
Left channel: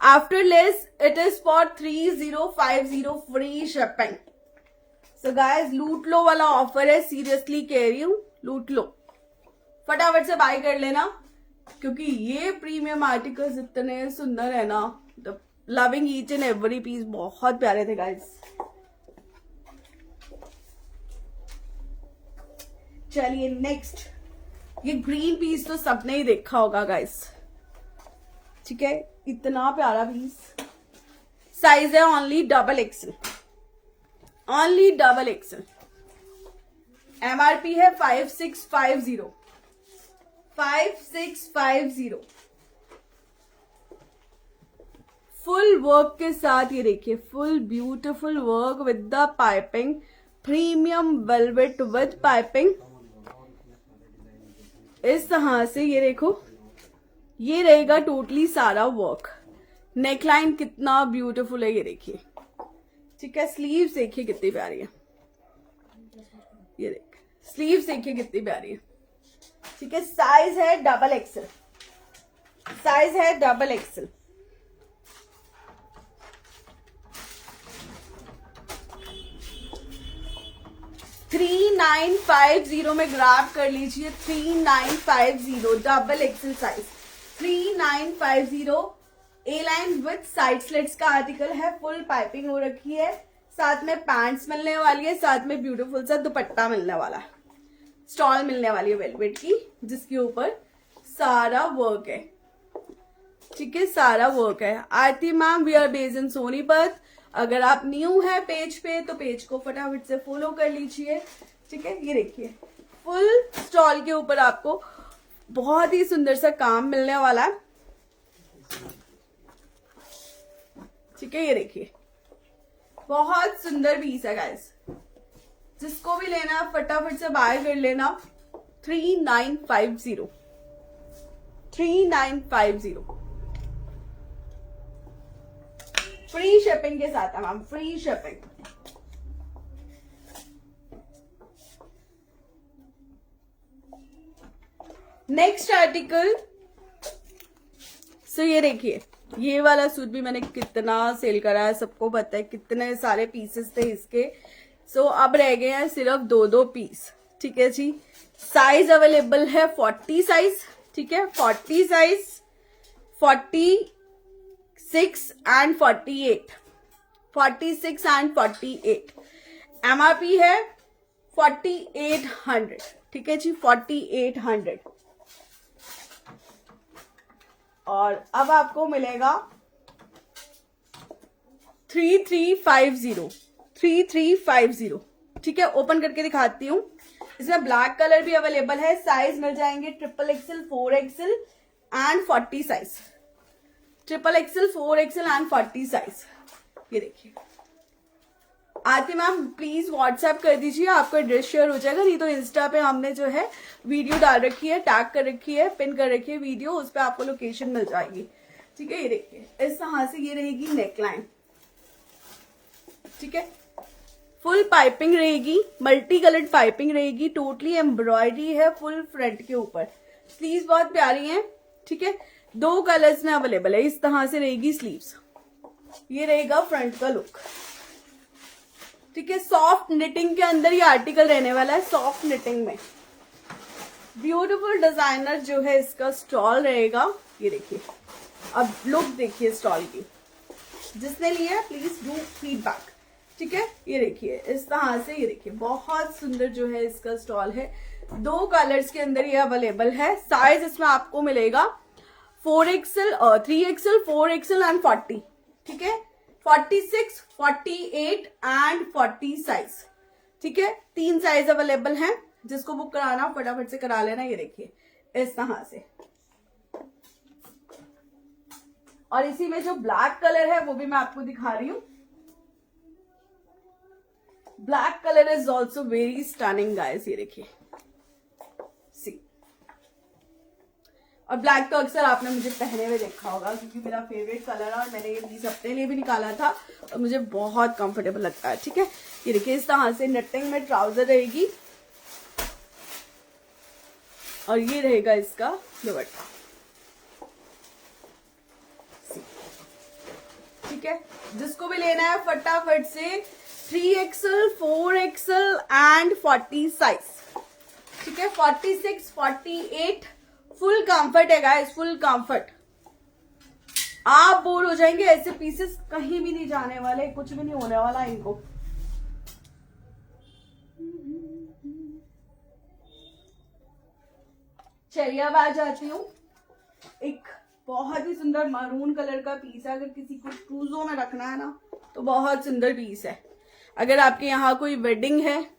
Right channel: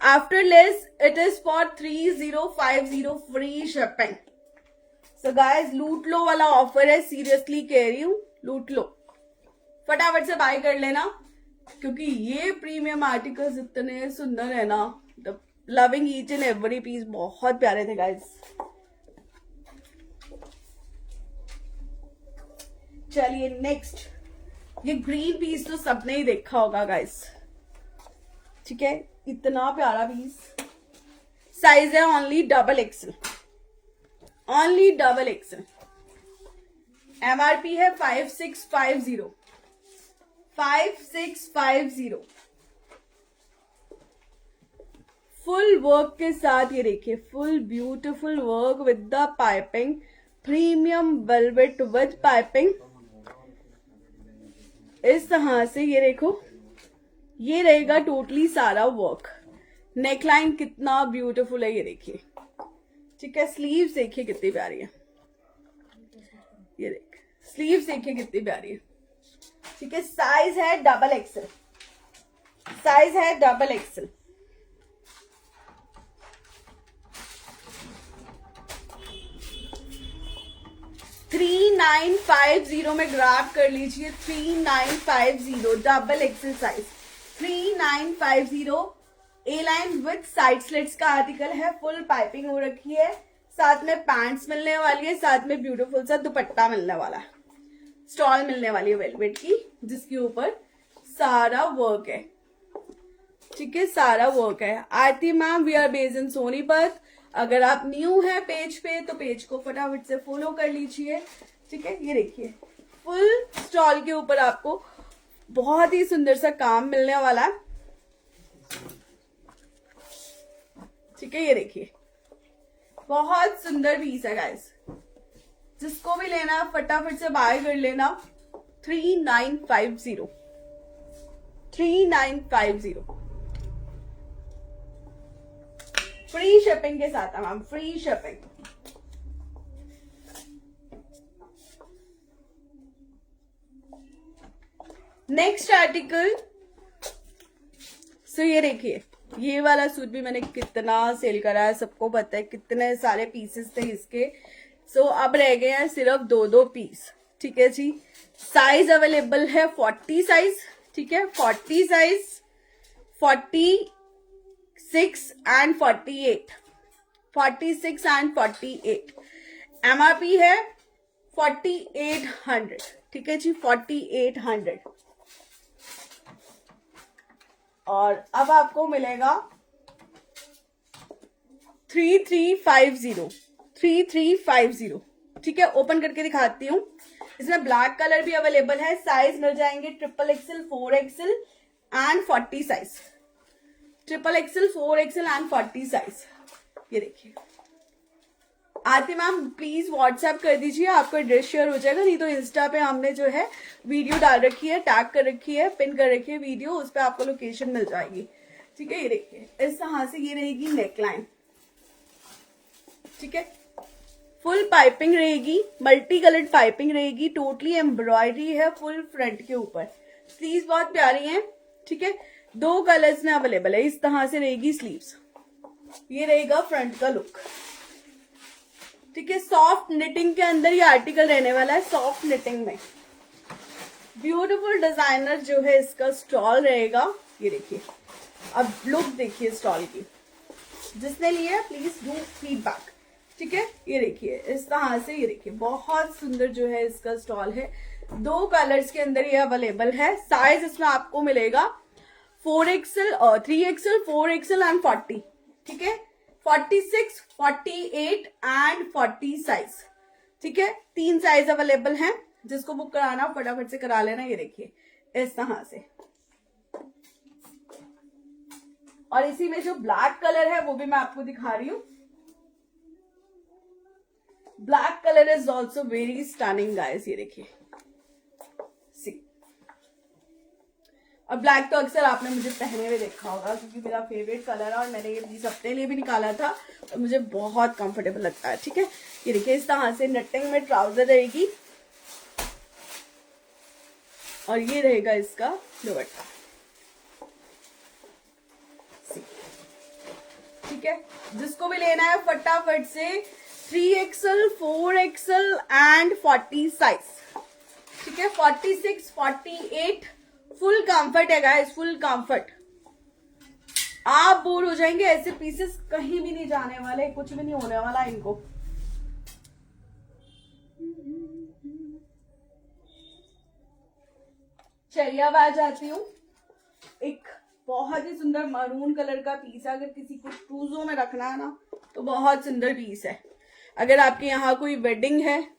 After less it is for 3050 free shipping. So guys लूट लो वाला ऑफर है, सीरियसली कह रही हूँ, लूट लो, फटाफट से बाय कर लेना, क्योंकि ये प्रीमियम आर्टिकल्स इतने सुंदर है ना, loving each and every piece, बहुत प्यारे थे गाइस। चलिए नेक्स्ट, ये ग्रीन पीस तो सबने ही देखा होगा गाइस, ठीक है। इतना प्यारा पीस, साइज है only XXL, only XXL। MRP है 5650, 5650। फुल वर्क के साथ ये देखिए, full beautiful work with the piping, premium velvet with piping. इस तरह से ये देखो, ये रहेगा टोटली सारा वर्क। नेकलाइन कितना ब्यूटीफुल है ये देखिए, ठीक है। स्लीव्स देखिए कितनी प्यारी है, ये देख स्लीव्स देखिए कितनी प्यारी है, ठीक है। साइज है XXL, साइज है XXL। $3950 में ग्रैब कर लीजिए, 3950 XXL size, 3950। A line with side slits का आर्टिकल है, फुल पाइपिंग हो रखी है, साथ में पैंट्स मिलने वाली है, साथ में ब्यूटीफुल सा दुपट्टा मिलने वाला है। स्टॉल मिलने वाली है वेलवेट की, जिसके ऊपर सारा वर्क है। ठीक है, सारा वर्क है। Aarti ma'am, we are based in Sonipat. अगर आप न्यू है पेज पे तो पेज को फटाफट से फॉलो कर लीजिए। ठीक है, ये देखिए फुल स्टॉल के ऊपर आपको बहुत ही सुंदर सा काम मिलने वाला है। ठीक है, ये देखिए बहुत सुंदर पीस है गाइस। जिसको भी लेना है फटाफट से बाय कर लेना। 3950 3950 फ्री शिपिंग के साथ है ma'am, free shipping. Next article so ये देखिए, ये वाला सूट भी मैंने कितना सेल करा है, सबको पता है कितने सारे पीसेस थे इसके। सो अब रह गए हैं सिर्फ 2 पीस। ठीक है जी, साइज अवेलेबल है 40 साइज। ठीक है, 40 साइज, 46 एंड 48, 46 एंड 48। एमआरपी है 4800। ठीक है जी, 4800। और अब आपको मिलेगा 3350, 3350। ठीक है, ओपन करके दिखाती हूँ। इसमें ब्लैक कलर भी अवेलेबल है। साइज मिल जाएंगे XXL, 4XL and 40 size. XXL, 4XL and 40 size. ये देखिए, आरती मैम प्लीज व्हाट्सएप कर दीजिए, आपका एड्रेस शेयर हो जाएगा। नहीं तो इंस्टा पे हमने जो है वीडियो डाल रखी है, टैग कर रखी है, पिन कर रखी है वीडियो, उस पर आपको लोकेशन मिल जाएगी। ठीक है, ये देखिए इस तरह से ये रहेगी नेकलाइन। ठीक है, फुल पाइपिंग रहेगी, मल्टी कलर्ड पाइपिंग रहेगी, टोटली एम्ब्रॉयडरी है फुल फ्रंट के ऊपर। स्लीव्स बहुत प्यारी हैं। ठीक है, 2 कलर्स में अवेलेबल है। इस तरह से रहेगी स्लीव्स। ये रहेगा फ्रंट का लुक। ठीक है, सॉफ्ट निटिंग के अंदर ये आर्टिकल रहने वाला है, सॉफ्ट निटिंग में। ब्यूटीफुल डिजाइनर जो है इसका स्टॉल रहेगा। ये देखिए, अब लुक देखिए स्टॉल की। जिसने लिया प्लीज डू फीडबैक। ठीक है, ये देखिए इस तरह से, ये देखिए बहुत सुंदर जो है इसका स्टॉल है। 2 कलर्स के अंदर ये अवेलेबल है। साइज इसमें आपको मिलेगा 4XL, 3XL, 4XL एंड 40। ठीक है, 46, 48 एंड 40 साइज। ठीक है, 3 साइज अवेलेबल हैं। जिसको बुक कराना फटाफट से करा लेना। ये देखिए इस तरह से। और इसी में जो ब्लैक कलर है वो भी मैं आपको दिखा रही हूं। Black colour is also very stunning guys. ये देखिए सी। और ब्लैक तो अक्सर आपने मुझे पहने हुए देखा होगा, क्योंकि मेरा फेवरेट कलर है और मैंने ये 20 अपने लिए भी निकाला था और मुझे बहुत कंफर्टेबल लगता है। ठीक है, ये देखिए इस तरह से नटिंग में ट्राउजर रहेगी और ये रहेगा इसका दुपट्टा। ठीक है, जिसको भी लेना है फटाफट से 3XL, 4XL एंड 40 साइज। ठीक है, 46, 48 फुल कंफर्ट है गाइस, फुल कंफर्ट। आप बोर हो जाएंगे, ऐसे पीसेस कहीं भी नहीं जाने वाले, कुछ भी नहीं होने वाला इनको। चलिए अब आ जाती हूँ, एक बहुत ही सुंदर मरून कलर का पीस है। अगर किसी को ट्रूजो में रखना है ना तो बहुत सुंदर पीस है। अगर आपके यहाँ कोई वेडिंग है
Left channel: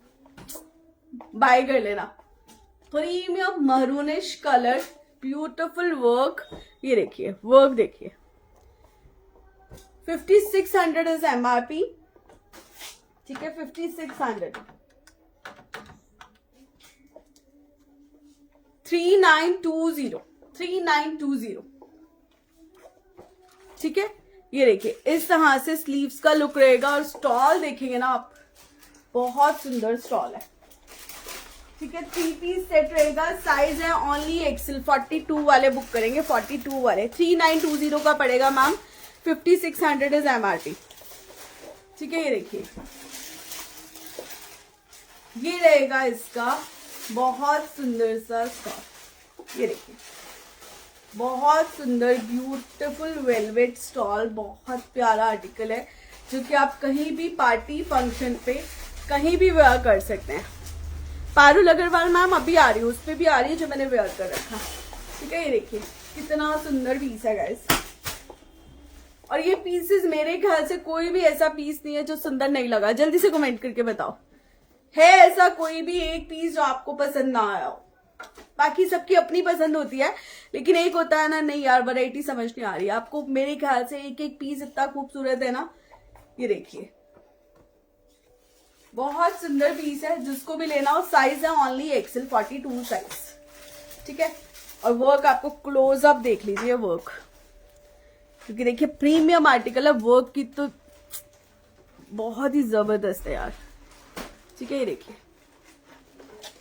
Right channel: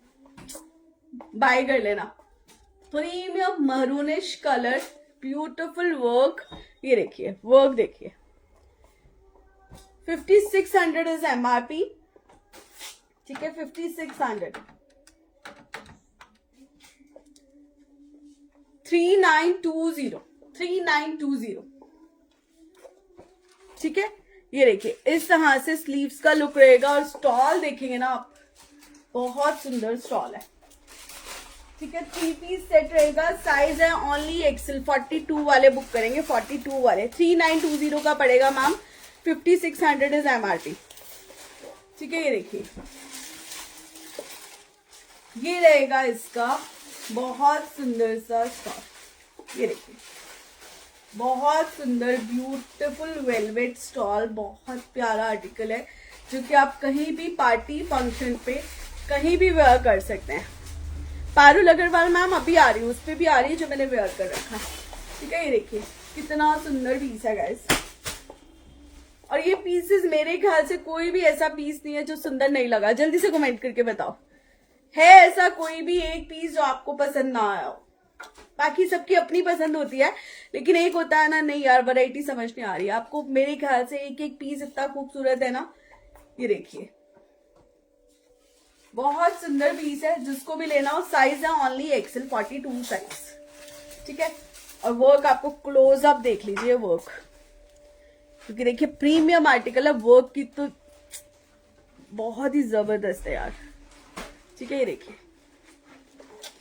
बाय कर लेना। Premium maroonish colour, beautiful work. ये देखिए वर्क देखिए। 5600 इज एमआरपी। ठीक है, 5600। 3920, 3920। ठीक है, ये देखिए इस तरह से स्लीव्स का लुक रहेगा। और स्टॉल देखेंगे ना आप, बहुत सुंदर स्टॉल है। ठीक है, 3 पीस सेट रहेगा। साइज है ओनली XL, 42 वाले बुक करेंगे, 42 वाले। 3920 का पड़ेगा मैम, 5600 इज एमआरपी। ठीक है, ये देखिए ये रहेगा इसका बहुत सुंदर सा स्टॉल। ये देखिए बहुत सुंदर ब्यूटीफुल वेलवेट स्टॉल, बहुत प्यारा आर्टिकल है जो कि आप कहीं भी पार्टी फंक्शन पे कहीं भी वेयर कर सकते हैं। पारुल अग्रवाल मैम अभी आ रही है, उस पे भी आ रही है जो मैंने वेयर कर रखा है। ठीक है, ये देखिए कितना सुंदर पीस है गाइस। और ये पीसेस मेरे ख्याल से कोई भी ऐसा पीस नहीं है जो सुंदर नहीं लगा। जल्दी से कमेंट करके बताओ, है ऐसा कोई भी एक पीस जो आपको पसंद ना आया हो? बाकी सबकी अपनी पसंद होती है, लेकिन एक होता है ना, नहीं यार वैरायटी समझ नहीं आ रही आपको। मेरे ख्याल से एक एक पीस इतना खूबसूरत है ना। ये देखिए बहुत सुंदर पीस है, जिसको भी लेना हो साइज है ओनली एक्सेल 42 साइज। ठीक है, और वर्क आपको क्लोज अप देख लीजिए वर्क, क्योंकि देखिए प्रीमियम आर्टिकल है, वर्क की तो बहुत ही जबरदस्त है यार। ठीक है, ये देखिए।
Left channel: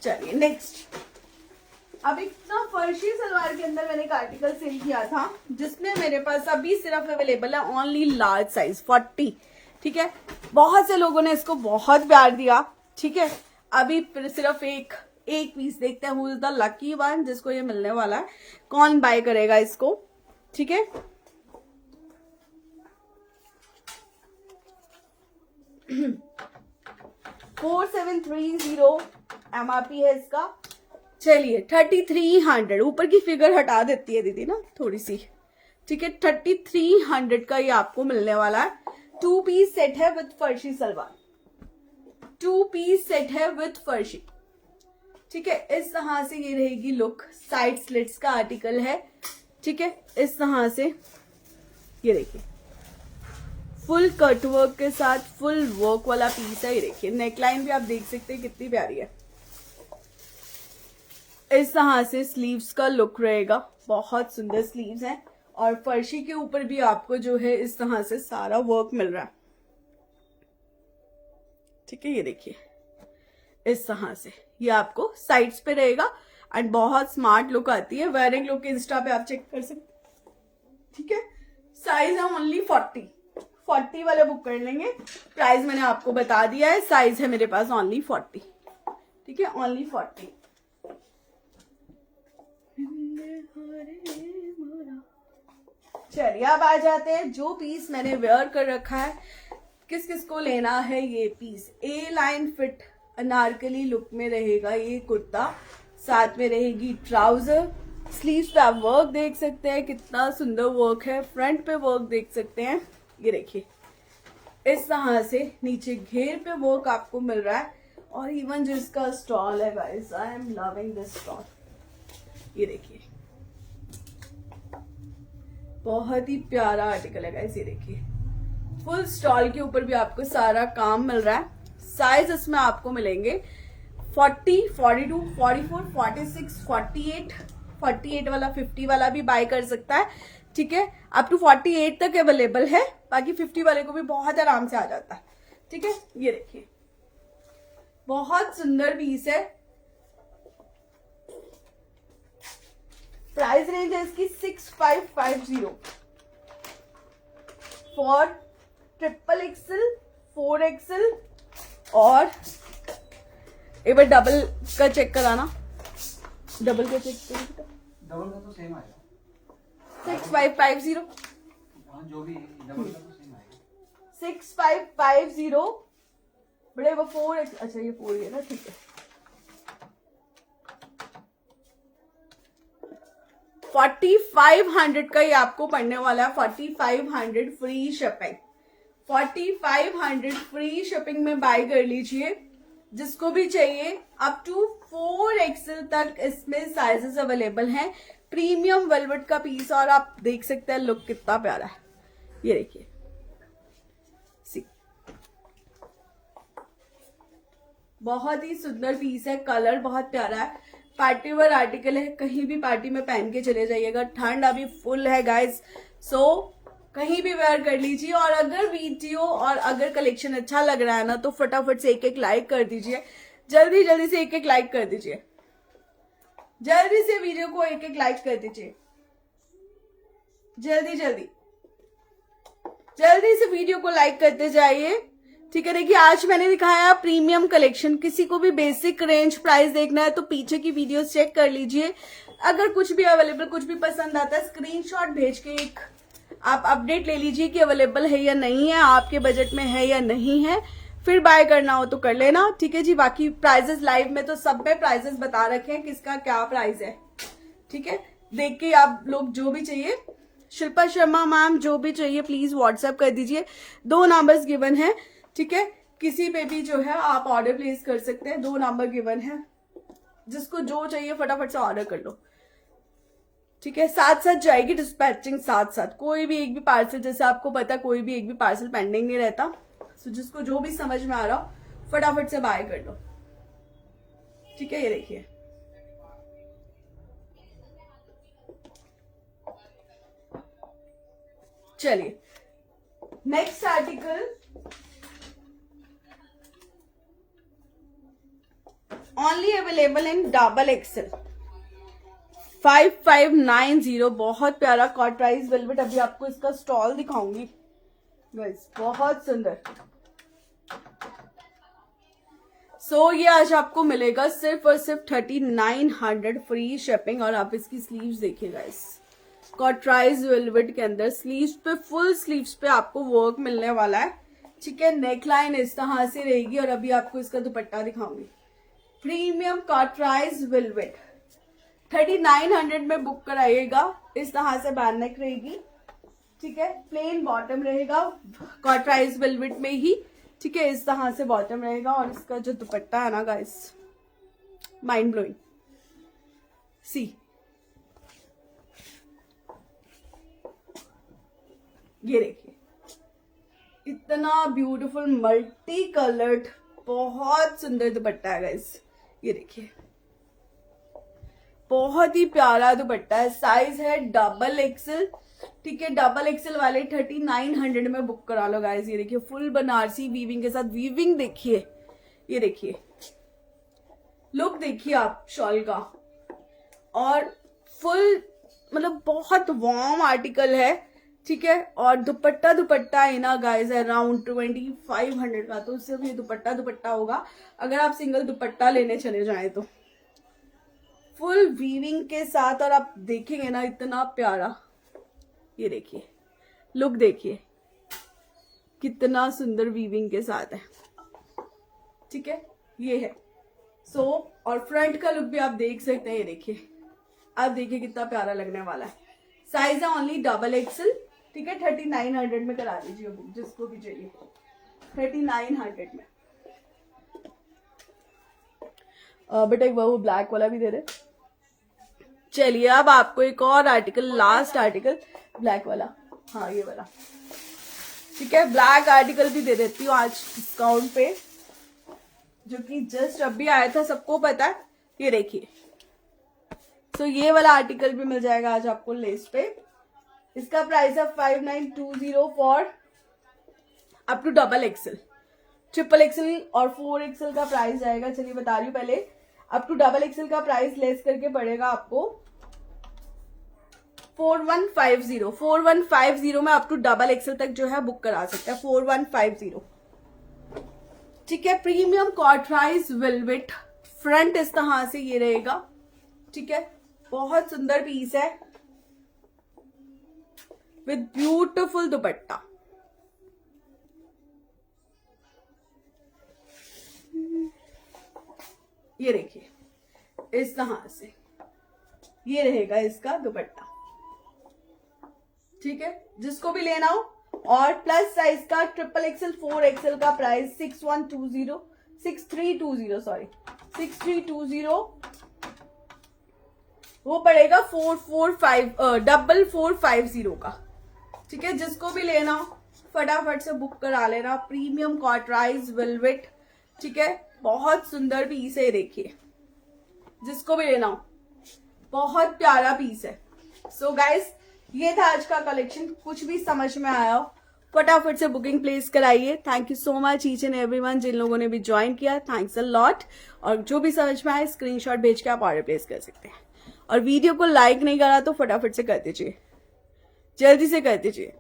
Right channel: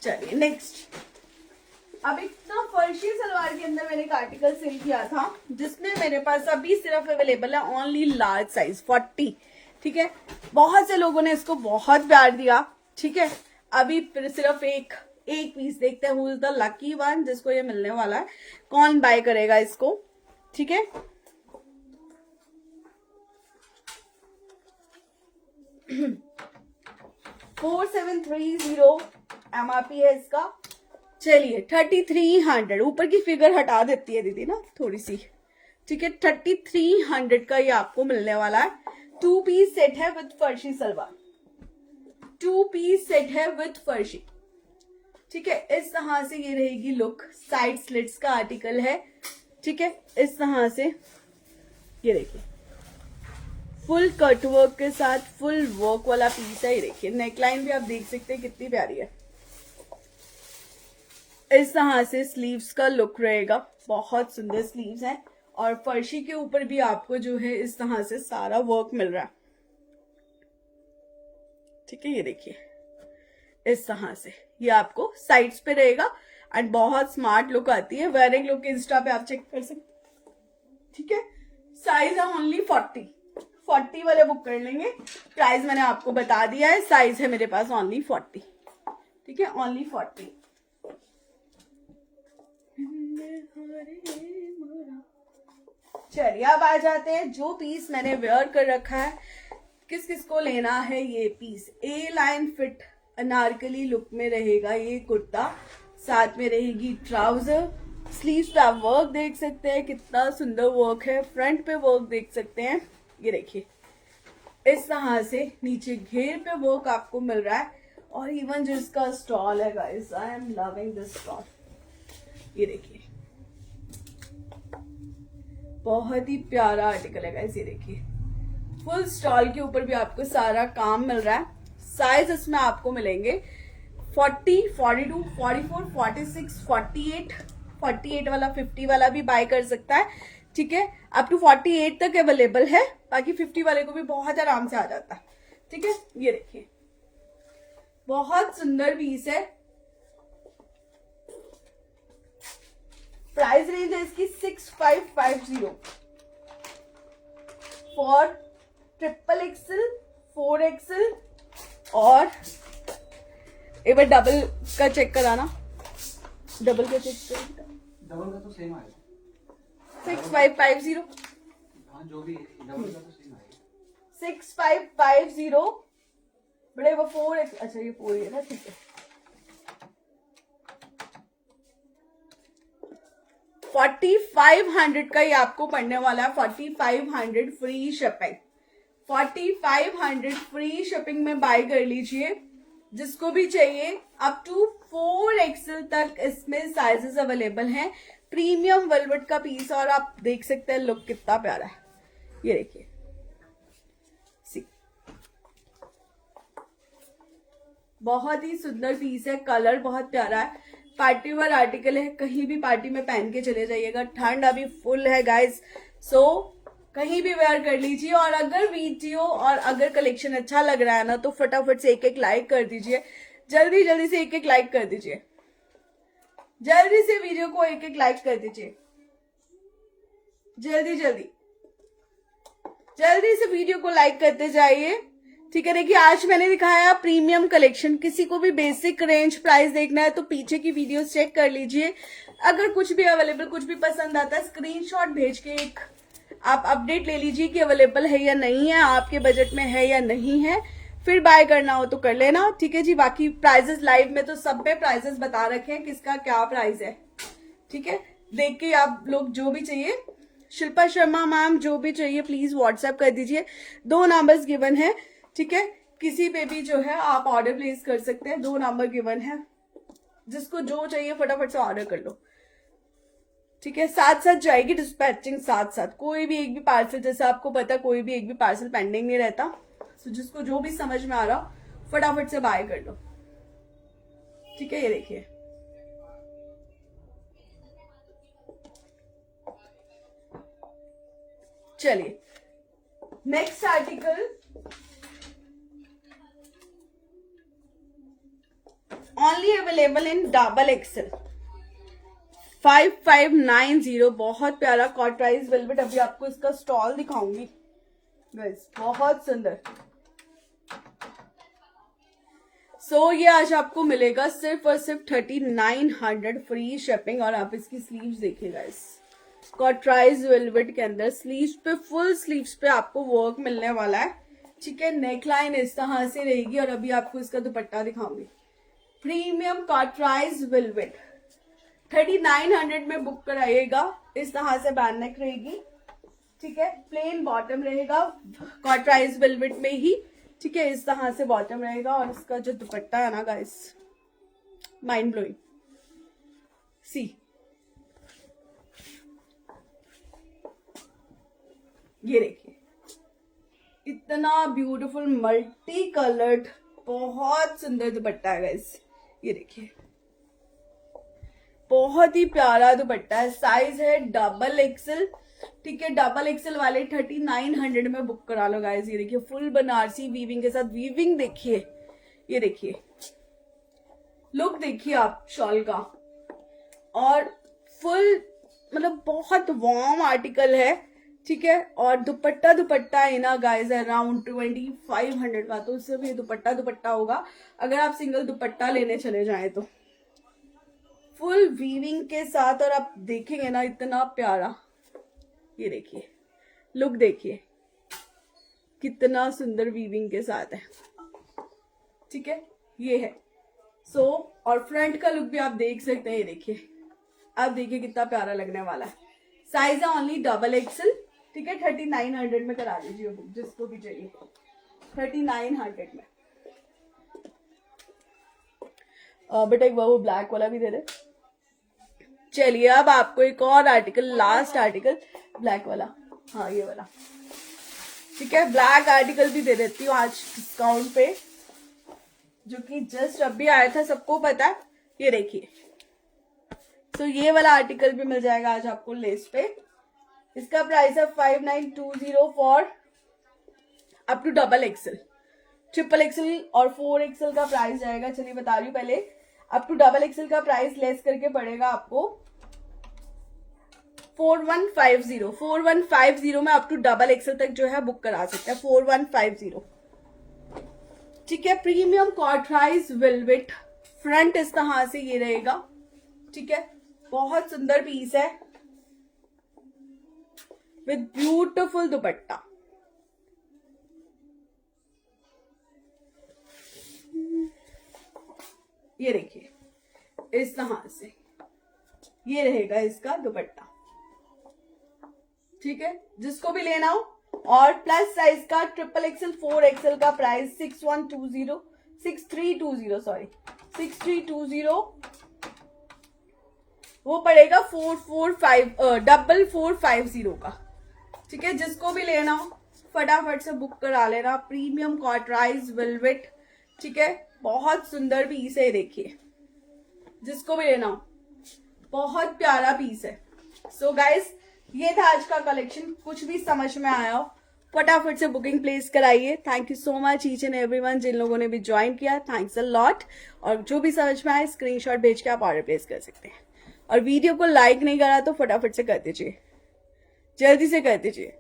चलिए नेक्स्ट, अब एक ना फर्शी सलवार के अंदर मैंने एक आर्टिकल सेल किया था, जिसमें मेरे पास अभी सिर्फ अवेलेबल है ओनली लार्ज साइज 40। ठीक है, बहुत से लोगों ने इसको बहुत प्यार दिया। ठीक है, अभी सिर्फ एक पीस देखते हैं, who is the lucky one जिसको ये मिलने वाला है, कौन बाय करेगा इसको। ठीक है, $4730 MRP है इसका। चलिए 3300, ऊपर की फिगर हटा देती है दीदी ना थोड़ी सी। ठीक है, 3300 का ये आपको मिलने वाला है। 2 पीस सेट है विद फर्शी सलवार, 2 पीस सेट है विद फर्शी। ठीक है, इस तरह से ये रहेगी लुक, साइड स्लिट्स का आर्टिकल है। ठीक है, इस तरह से ये देखिए फुल कट वर्क के साथ फुल वर्क वाला पीस है। ये देखिए नेकलाइन भी आप देख सकते हैं कितनी प्यारी है। इस तरह से स्लीव्स का लुक रहेगा, बहुत सुंदर स्लीव्स हैं, और फर्शी के ऊपर भी आपको जो है इस तरह से सारा वर्क मिल रहा है। ठीक है, ये देखिए इस तरह से ये आपको साइड्स पे रहेगा एंड बहुत स्मार्ट लुक आती है। वेयरिंग लुक इंस्टा पे आप चेक कर सकते। ठीक है, साइज है ओनली 40 वाले बुक कर लेंगे। प्राइस मैंने आपको बता दिया है, साइज है मेरे पास ओनली 40। ठीक है, ओनली 40। चलिए अब आ जाते हैं जो पीस मैंने वेयर कर रखा है, किस किस को लेना है ये पीस। ए लाइन फिट अनारकली लुक में रहेगा ये कुर्ता, साथ में रहेगी ट्राउजर। स्लीव पे आप वर्क देख सकते हैं, कितना सुंदर वर्क है। फ्रंट पे वर्क देख सकते हैं, ये देखिए इस तरह से नीचे घेर पे वर्क आपको मिल रहा है। और इवन जो इसका स्टॉल है guys, I am loving this stall. ये देखिए बहुत ही प्यारा आर्टिकल है गाइस। ये देखिए फुल स्टॉल के ऊपर भी आपको सारा काम मिल रहा है। साइज इसमें आपको मिलेंगे 40, 42, 44, 46, 48 वाला 50 वाला भी बाय कर सकता है। ठीक है, अप टू 48 तक अवेलेबल है, बाकी 50 वाले को भी बहुत आराम से आ जाता है। ठीक है, ये देखिए बहुत सुंदर पीस है। प्राइस रेंज है इसकी 6550 फॉर XXL, 4XL और एक बार डबल का चेक कराना, डबल का चेक कर, डबल का तो सेम आएगा 6550। हाँ जो भी है डबल का तो सेम आएगा 6550। बड़े वो 4X, अच्छा ये 4 है ना। ठीक है, 4500 का ये आपको पड़ने वाला है। 4500 फ्री शिपिंग, 4500 फ्री शिपिंग में बाय कर लीजिए। जिसको भी चाहिए अप टू 4XL तक इसमें साइजेस अवेलेबल हैं। प्रीमियम वेलवेट का पीस, और आप देख सकते हैं लुक कितना प्यारा है। ये देखिए बहुत ही सुंदर पीस है, कलर बहुत प्यारा है, पार्टी वेयर आर्टिकल है, कहीं भी पार्टी में पहन के चले जाइएगा। ठंड अभी फुल है गाइस, सो कहीं भी वेयर कर लीजिए। और अगर वीडियो और अगर कलेक्शन अच्छा लग रहा है ना, तो फटाफट से एक लाइक कर दीजिए। जल्दी जल्दी से एक लाइक कर दीजिए, जल्दी से वीडियो को एक लाइक कर दीजिए, जल्दी जल्दी जल्दी से वीडियो को लाइक करते जाइए। ठीक है, देखिए आज मैंने दिखाया प्रीमियम कलेक्शन। किसी को भी बेसिक रेंज प्राइस देखना है तो पीछे की वीडियोस चेक कर लीजिए। अगर कुछ भी अवेलेबल, कुछ भी पसंद आता है, स्क्रीनशॉट भेज के एक आप अपडेट ले लीजिए कि अवेलेबल है या नहीं है, आपके बजट में है या नहीं है। फिर बाय करना हो तो कर लेना, ठीक है जी। बाकी प्राइजेस लाइव में तो सब पे प्राइजेस बता रखे हैं किसका क्या प्राइस है, ठीक है। देख के आप लोग जो भी चाहिए, शिल्पा शर्मा मैम जो भी चाहिए प्लीज व्हाट्सएप कर दीजिए। 2 नंबर्स गिवन है, ठीक है। किसी पे भी जो है आप ऑर्डर प्लेस कर सकते हैं, 2 नंबर गिवन है, जिसको जो चाहिए फटाफट से ऑर्डर कर लो, ठीक है। साथ साथ जाएगी डिस्पैचिंग, साथ साथ कोई भी एक भी पार्सल, जैसे आपको पता है कोई भी एक भी पार्सल पेंडिंग नहीं रहता। तो जिसको जो भी समझ में आ रहा हो फटाफट से बाय कर लो, ठीक है। ये देखिए चलिए next article, only available in double XL 5590, बहुत प्यारा कॉट प्राइस वेलवेट। अभी आपको इसका स्टॉल दिखाऊंगी गाइस, बहुत सुंदर। सो ये आज आपको मिलेगा सिर्फ और सिर्फ 3900 फ्री शिपिंग। और आप इसकी स्लीव्स देखिए गाइस, कॉट प्राइस वेलवेट के अंदर स्लीव्स पे, फुल स्लीव्स पे आपको वर्क मिलने वाला है, ठीक है। नेकलाइन इस तरह से रहेगी और अभी आपको इसका दुपट्टा दिखाऊंगी। प्रीमियम कॉट प्राइस वेलवेट 3900 में बुक कराइएगा। इस तरह से बैन नेक रहेगी, ठीक है। प्लेन बॉटम रहेगा कॉट प्राइस वेलवेट में ही, ठीक है। इस तरह से बॉटम रहेगा और इसका जो दुपट्टा है ना गाइस, माइंड ब्लोइंग। सी ये देखिए इतना ब्यूटीफुल मल्टी कलर्ड, बहुत सुंदर दुपट्टा है गाइस। ये देखिए बहुत ही प्यारा दुपट्टा है, साइज है डबल एक्सेल, ठीक है। डबल एक्सेल वाले 3900 में बुक करा लो गाइस। ये देखिए फुल बनारसी वीविंग के साथ, वीविंग देखिए, ये देखिए लुक देखिए आप शॉल का, और फुल मतलब बहुत वार्म आर्टिकल है, ठीक है। और दुपट्टा है ना गाइस अराउंड 2500 का, तो उससे भी दुपट्टा होगा अगर आप सिंगल दुपट्टा लेने चले जाएं तो। फुल वीविंग के साथ, और आप देखेंगे ना इतना प्यारा, ये देखिए लुक देखिए कितना सुंदर वीविंग के साथ है, ठीक है। ये है सो और फ्रंट का लुक भी आप देख सकते हैं, ये देखिए आप देखिए कितना प्यारा लगने वाला है। साइज है ओनली डबल एक्सेल, ठीक है। 3900 में करा दीजिए जिसको भी चाहिए, 3900 में। बेटा एक वो ब्लैक वाला भी दे दे। चलिए अब आपको एक और आर्टिकल, लास्ट आर्टिकल ब्लैक वाला, हाँ ये वाला, ठीक है। ब्लैक आर्टिकल भी दे देती हूँ आज डिस्काउंट पे, जो कि जस्ट अभी आया था, सबको पता है। ये देखिए तो ये वाला आर्टिकल भी मिल जाएगा आज आपको लेस पे। इसका प्राइस है 5920 for up to double XL. Triple XL और 4 एक्सेल का प्राइस जाएगा, चलिए बता रही हूँ पहले। अप टू डबल एक्सेल का प्राइस लेस करके पड़ेगा आपको 4150। 4150 में अप टू डबल एक्सेल तक जो है बुक करा सकते हैं, 4150, ठीक है। प्रीमियम कॉटराइज वेलवेट, फ्रंट इस तरह से ये रहेगा, ठीक है। बहुत सुंदर पीस है विद ब्यूटिफुल दुपट्टा। ये देखिए इस तरह से ये रहेगा इसका दुपट्टा, ठीक है। जिसको भी लेना हो, और प्लस साइज का ट्रिपल एक्सेल 4 एक्सेल का प्राइस 6320 वो पड़ेगा 4450 का, ठीक है। जिसको भी लेना हो फटाफट से बुक करा लेना। प्रीमियम कॉटराइज वेलवेट, ठीक है। बहुत सुंदर पीस है, देखिए जिसको भी लेना हो, बहुत प्यारा पीस है। सो गाइस ये था आज का कलेक्शन, कुछ भी समझ में आया हो फटाफट से बुकिंग प्लेस कराइए। Thank you so much each and everyone, जिन लोगों ने भी ज्वाइन किया थैंक्स अ लॉट। और जो भी समझ में आए स्क्रीनशॉट भेज के आप ऑर्डर प्लेस कर सकते हैं। और वीडियो को लाइक नहीं करा तो फटाफट से कर दीजिए, जल्दी से कर दीजिए।